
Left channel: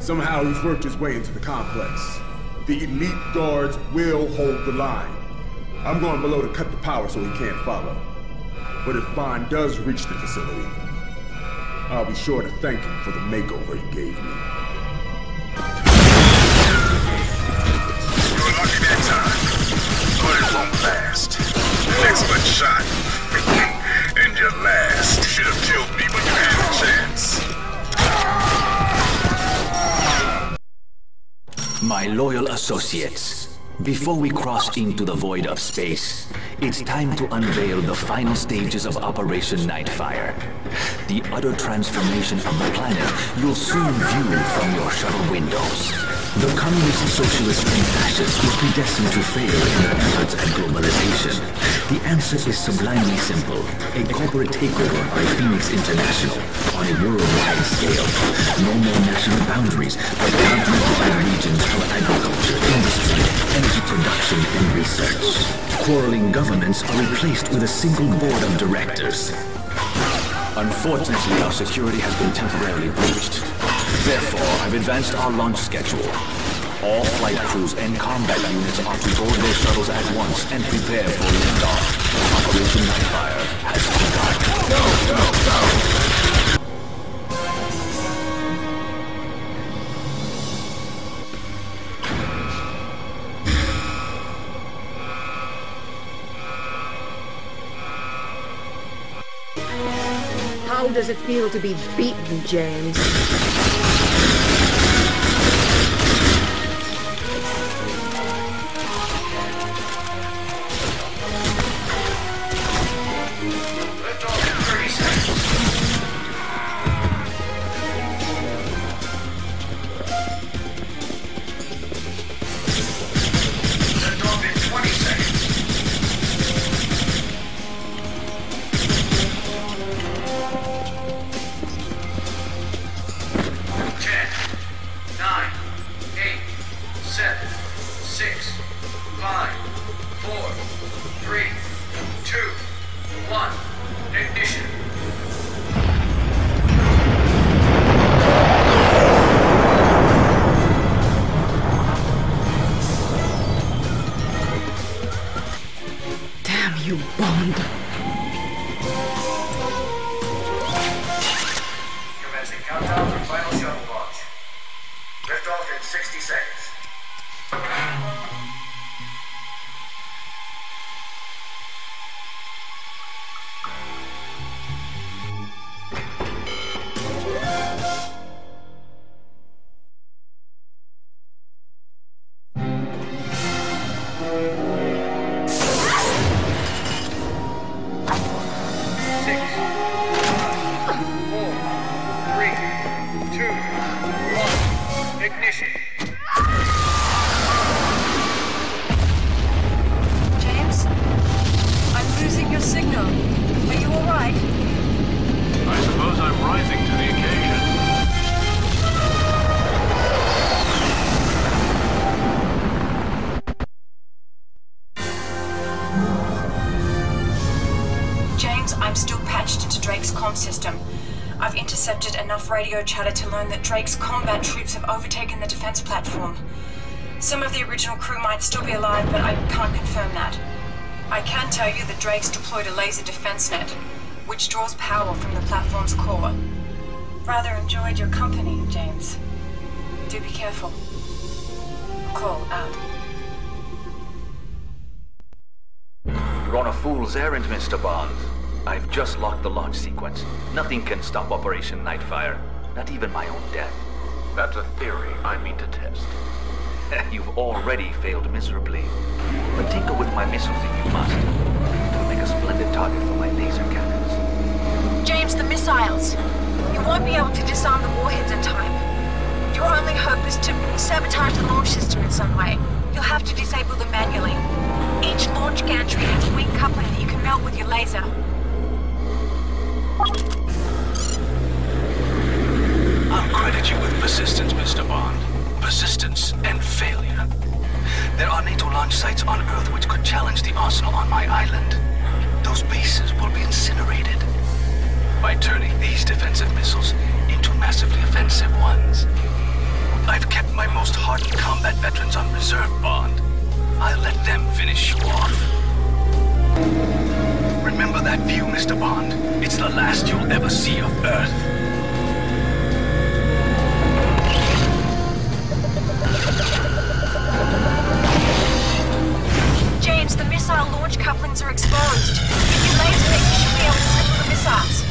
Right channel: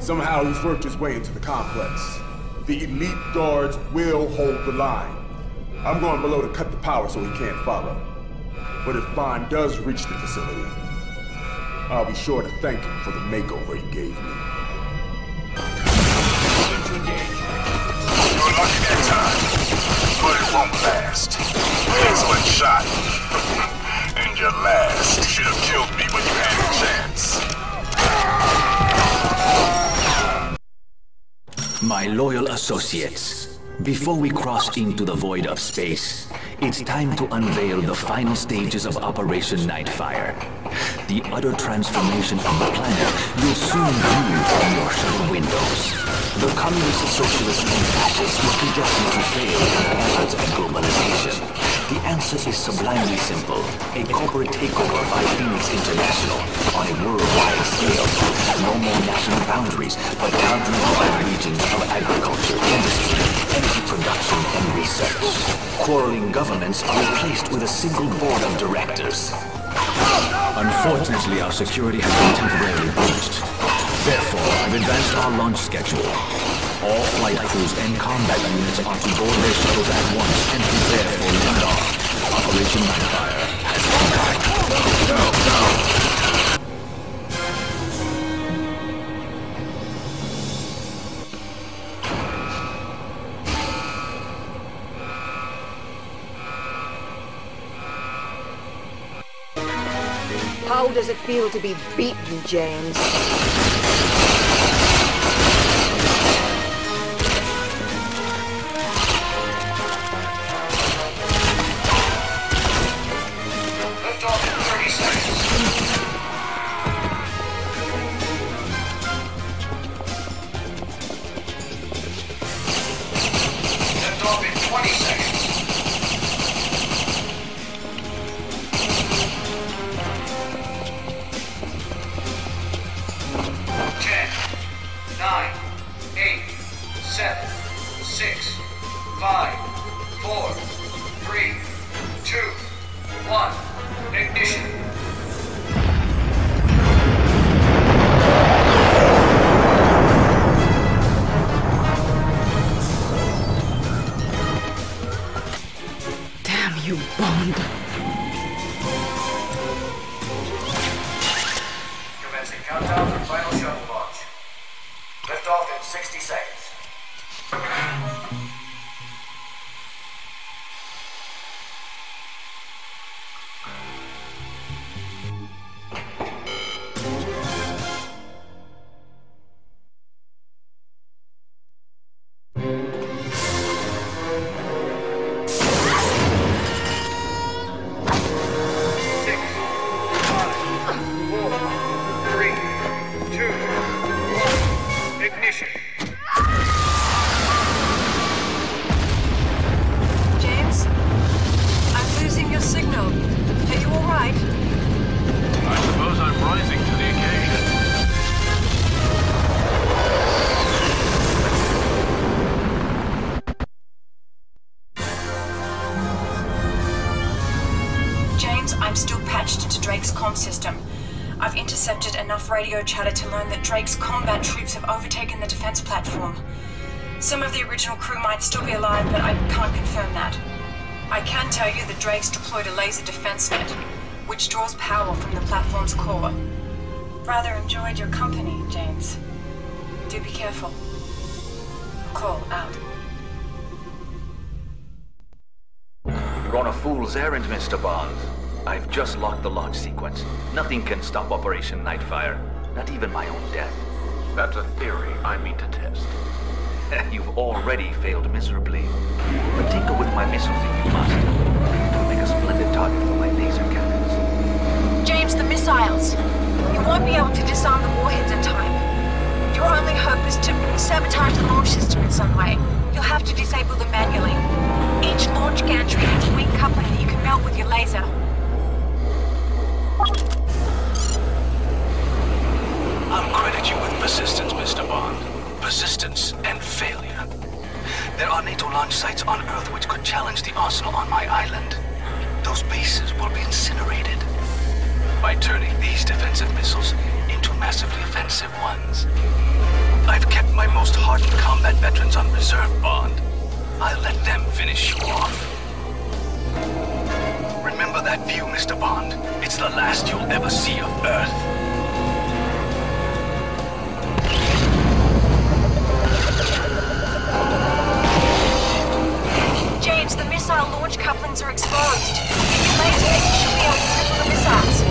Somehow he's worked his way into the complex. The elite guards will hold the line. I'm going below to cut the power so he can't follow. But if Bond does reach the facility, I'll be sure to thank him for the makeover he gave me. You were lucky that time, but it won't last. Excellent shot. And your last. You should have killed me when you had a chance. My loyal associates, before we cross into the void of space, it's time to unveil the final stages of Operation Nightfire. The utter transformation of the planet you'll soon view from your shuttle windows. The communists, socialists, and fascists were predestined to fail in their efforts at globalization. The answer is sublimely simple. A corporate takeover by Phoenix International on a worldwide scale. No more national boundaries, but continent-wide regions of agriculture, industry, energy production, and research. Quarreling governments are replaced with a single board of directors. Unfortunately, our security has been temporarily breached. Therefore, I've advanced our launch schedule. All flight crews and combat units are to board their shuttles at once and prepare for liftoff. Operation Nightfire has begun. Go, go, go! How does it feel to be beaten, James? Lift off in 30 seconds. Lift off in 20 seconds. 9, 8, 7, 6, 5, 4, 3, 2, 1, ignition. Damn you, Bond. Commencing countdown for final shuttle launch. Lift off in 60 seconds. James? I'm losing your signal. Are you alright? I suppose I'm rising to the occasion. James, I'm still patched into Drake's comm system. I've intercepted enough radio chatter to learn that Drake's combat troops have overtaken the defense platform. Some of the original crew might still be alive, but I can't confirm that. I can tell you that Drake's deployed a laser defense net, which draws power from the platform's core. Rather enjoyed your company, James. Do be careful. Call out. You're on a fool's errand, Mr. Bond. I've just locked the launch sequence. Nothing can stop Operation Nightfire, not even my own death. That's a theory I mean to test. You've already failed miserably. But tinker with my missiles if you must. It'll make a splendid target for my laser cannons. James, the missiles! You won't be able to disarm the warheads in time. Your only hope is to sabotage the launch system in some way. You'll have to disable them manually. Each launch gantry has a wing coupling that you can melt with your laser. I'll credit you with persistence, Mr. Bond. Persistence and failure. There are NATO launch sites on Earth which could challenge the arsenal on my island. Those bases will be incinerated. By turning these defensive missiles into massively offensive ones. I've kept my most hardened combat veterans on reserve, Bond. I'll let them finish you off. Remember that view, Mr. Bond. It's the last you'll ever see of Earth. James, the missile launch couplings are exposed. If you laser it, you should be able to cripple the missiles.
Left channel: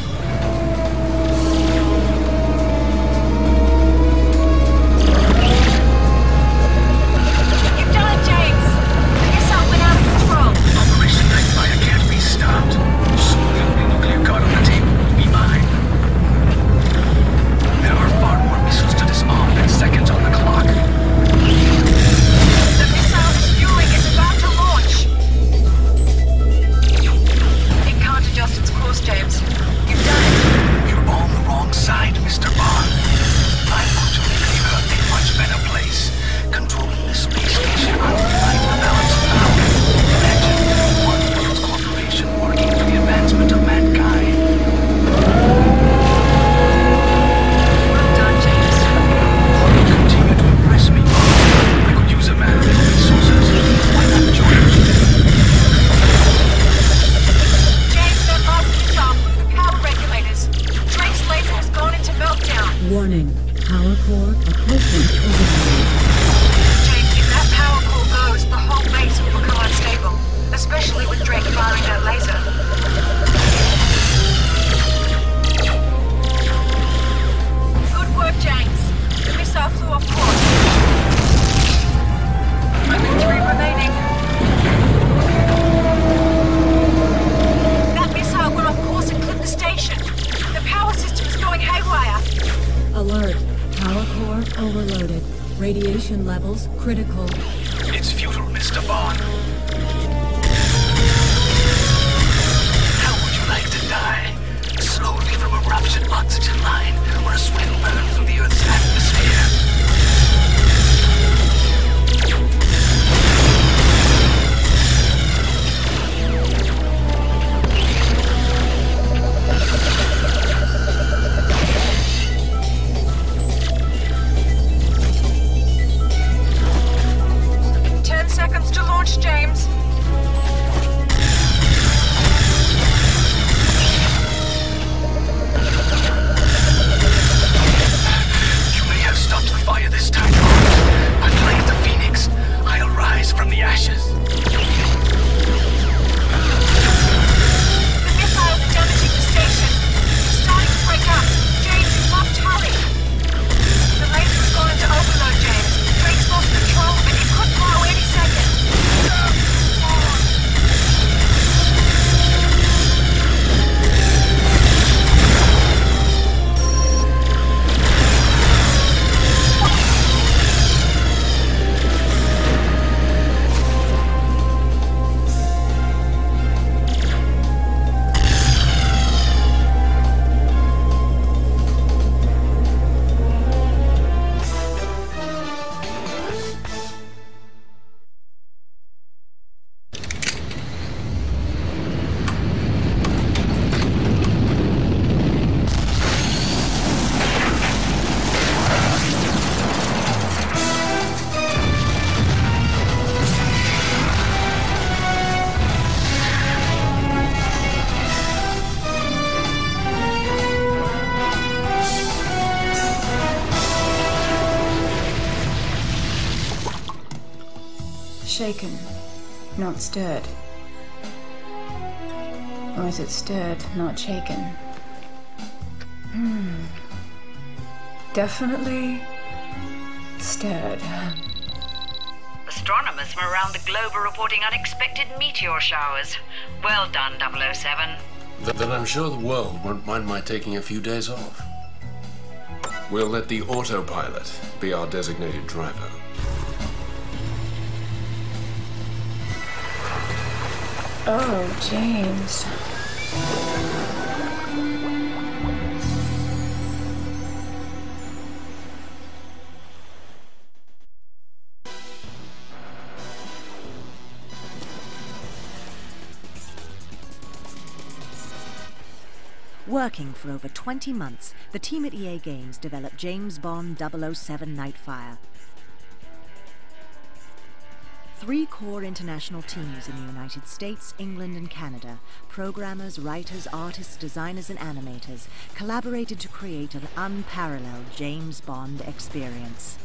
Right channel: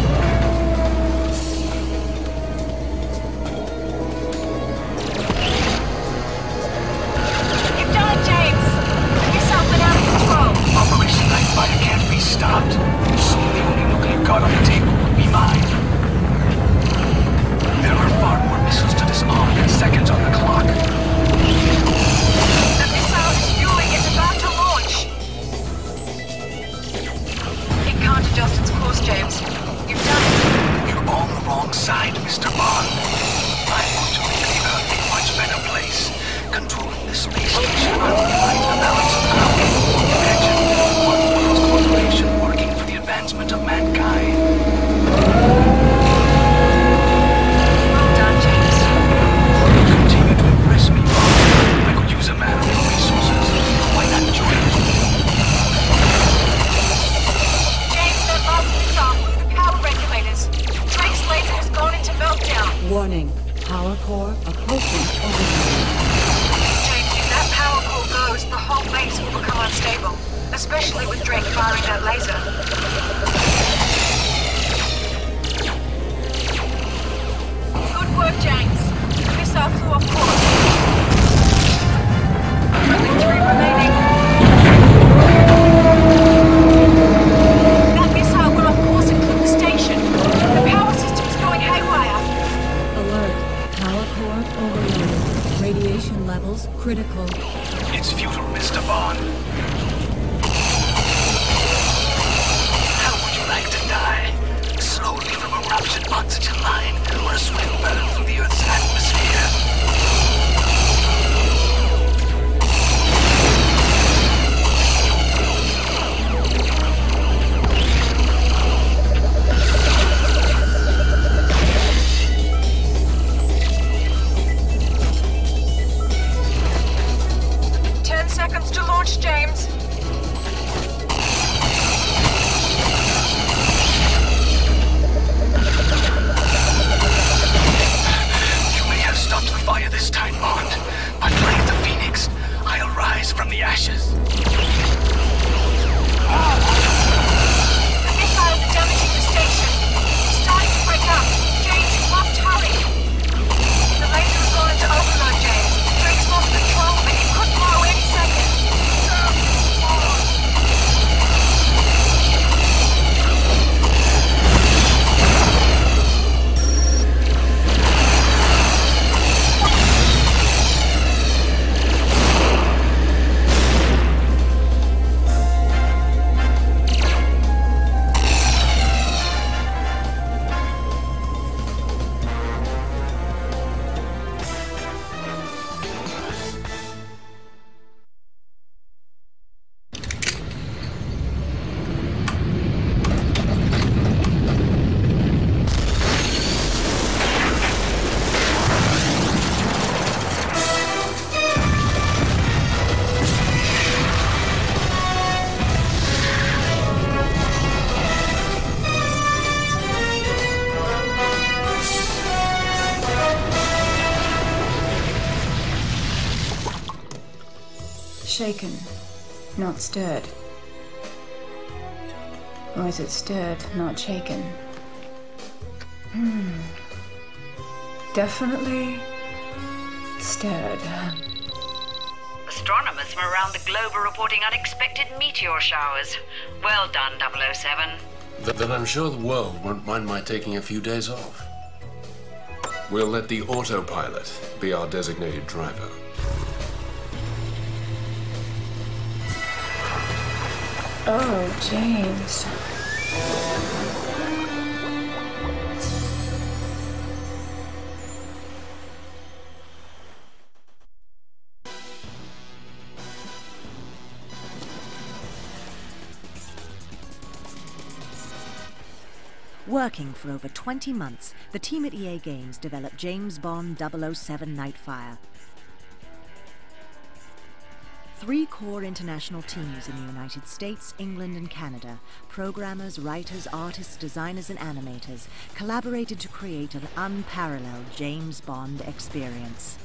Nightfire can't be stopped. Soon the only nuclear card on the table will be mine. There are far more missiles to disarm than seconds on the clock. The missile is fueling. It's about to launch. It can't adjust its course, James. You've done it. You're on the wrong side, Mr. Bond. I want to make the Earth a much better place. Controlling the space station, I'll rewrite the balance of power. Imagine one world corporation working for the advancement of mankind. Well done, James. You continue to impress me, Bond. I could use a man of your resources. Why not join me? James, that last missile blew the power regulators. Drake's laser has gone into meltdown. Warning. Power core approaching overload. James, if that power core goes, the whole base will become unstable. Especially with Drake firing that laser. Good work, James. The missile flew off course. Only 3 remaining. That missile went off course and clipped the station. The power system is going haywire. Alert. Power core overloaded. Radiation levels critical. It's futile, Mr. Bond. How would you like to die? Slowly from a ruptured oxygen line, or a swift burn through the Earth's atmosphere? 10 seconds to launch, James. You may have stopped the fire this time, Bond, but like the Phoenix, I'll rise from the ashes. The missiles are damaging the station. It's starting to break up. James, you must hurry. The laser has gone into overload, James. Drake's lost control, but it could blow any second. Shaken, not stirred. Or is it stirred, not shaken? Definitely stirred. Astronomers from around the globe are reporting unexpected meteor showers. Well done, 007. Then I'm sure the world won't mind my taking a few days off. We'll let the autopilot be our designated driver. Oh, James. Working for over 20 months, the team at EA Games developed James Bond 007 Nightfire. 3 core international teams in the United States, England and Canada, programmers, writers, artists, designers and animators, collaborated to create an unparalleled James Bond experience.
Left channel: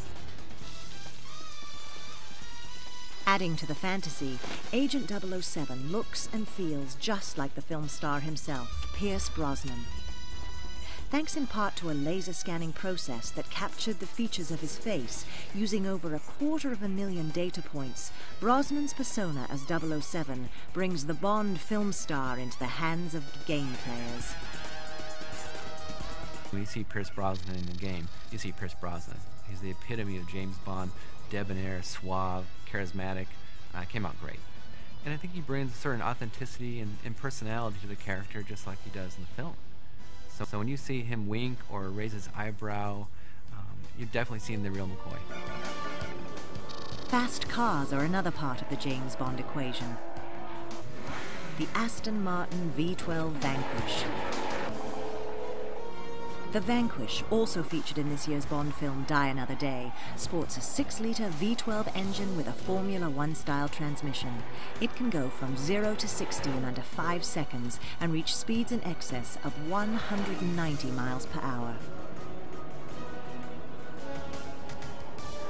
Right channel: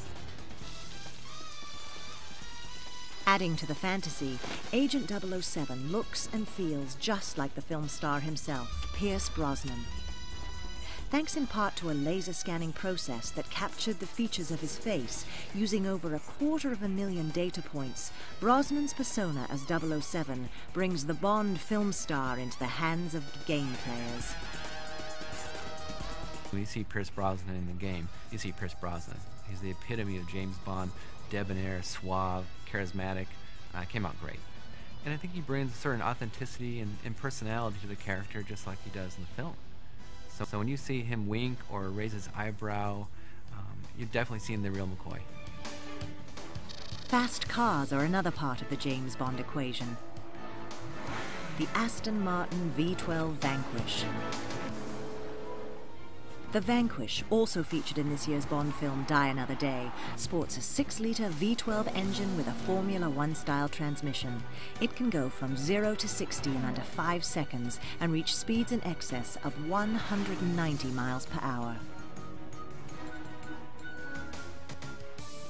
Adding to the fantasy, Agent 007 looks and feels just like the film star himself, Pierce Brosnan. thanks in part to a laser scanning process that captured the features of his face using over 250,000 data points. Brosnan's persona as 007 brings the Bond film star into the hands of game players. When you see Pierce Brosnan in the game, you see Pierce Brosnan. He's the epitome of James Bond, debonair, suave, charismatic. Came out great. And I think he brings a certain authenticity and personality to the character just like he does in the film. So when you see him wink or raise his eyebrow, you're definitely seeing the real McCoy. Fast cars are another part of the James Bond equation. The Aston Martin V12 Vanquish. The Vanquish, also featured in this year's Bond film Die Another Day, sports a 6-litre V12 engine with a Formula 1 style transmission. It can go from 0 to 60 in under 5 seconds and reach speeds in excess of 190 miles per hour.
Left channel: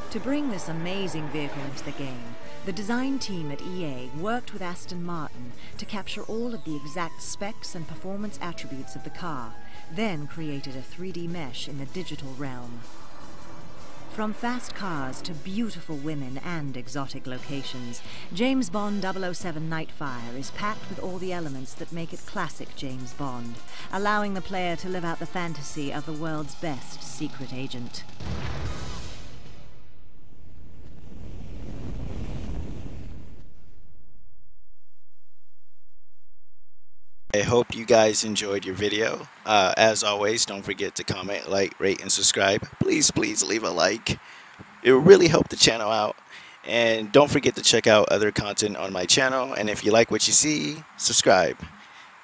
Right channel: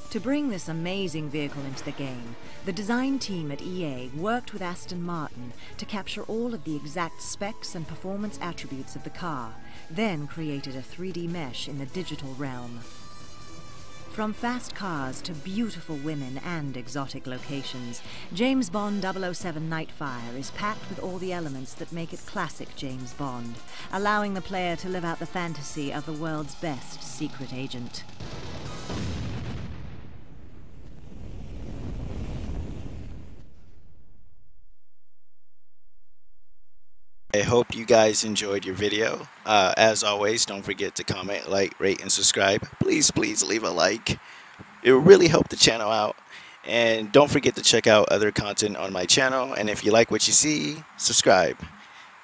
To bring this amazing vehicle into the game, the design team at EA worked with Aston Martin to capture all of the exact specs and performance attributes of the car, then created a 3D mesh in the digital realm. From fast cars to beautiful women and exotic locations, James Bond 007 Nightfire is packed with all the elements that make it classic James Bond, allowing the player to live out the fantasy of the world's best secret agent. I hope you guys enjoyed your video. As always, don't forget to comment, like, rate, and subscribe. Please leave a like. It will really help the channel out. And don't forget to check out other content on my channel. And if you like what you see, subscribe.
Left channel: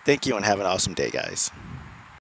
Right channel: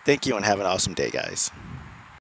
Thank you and have an awesome day, guys.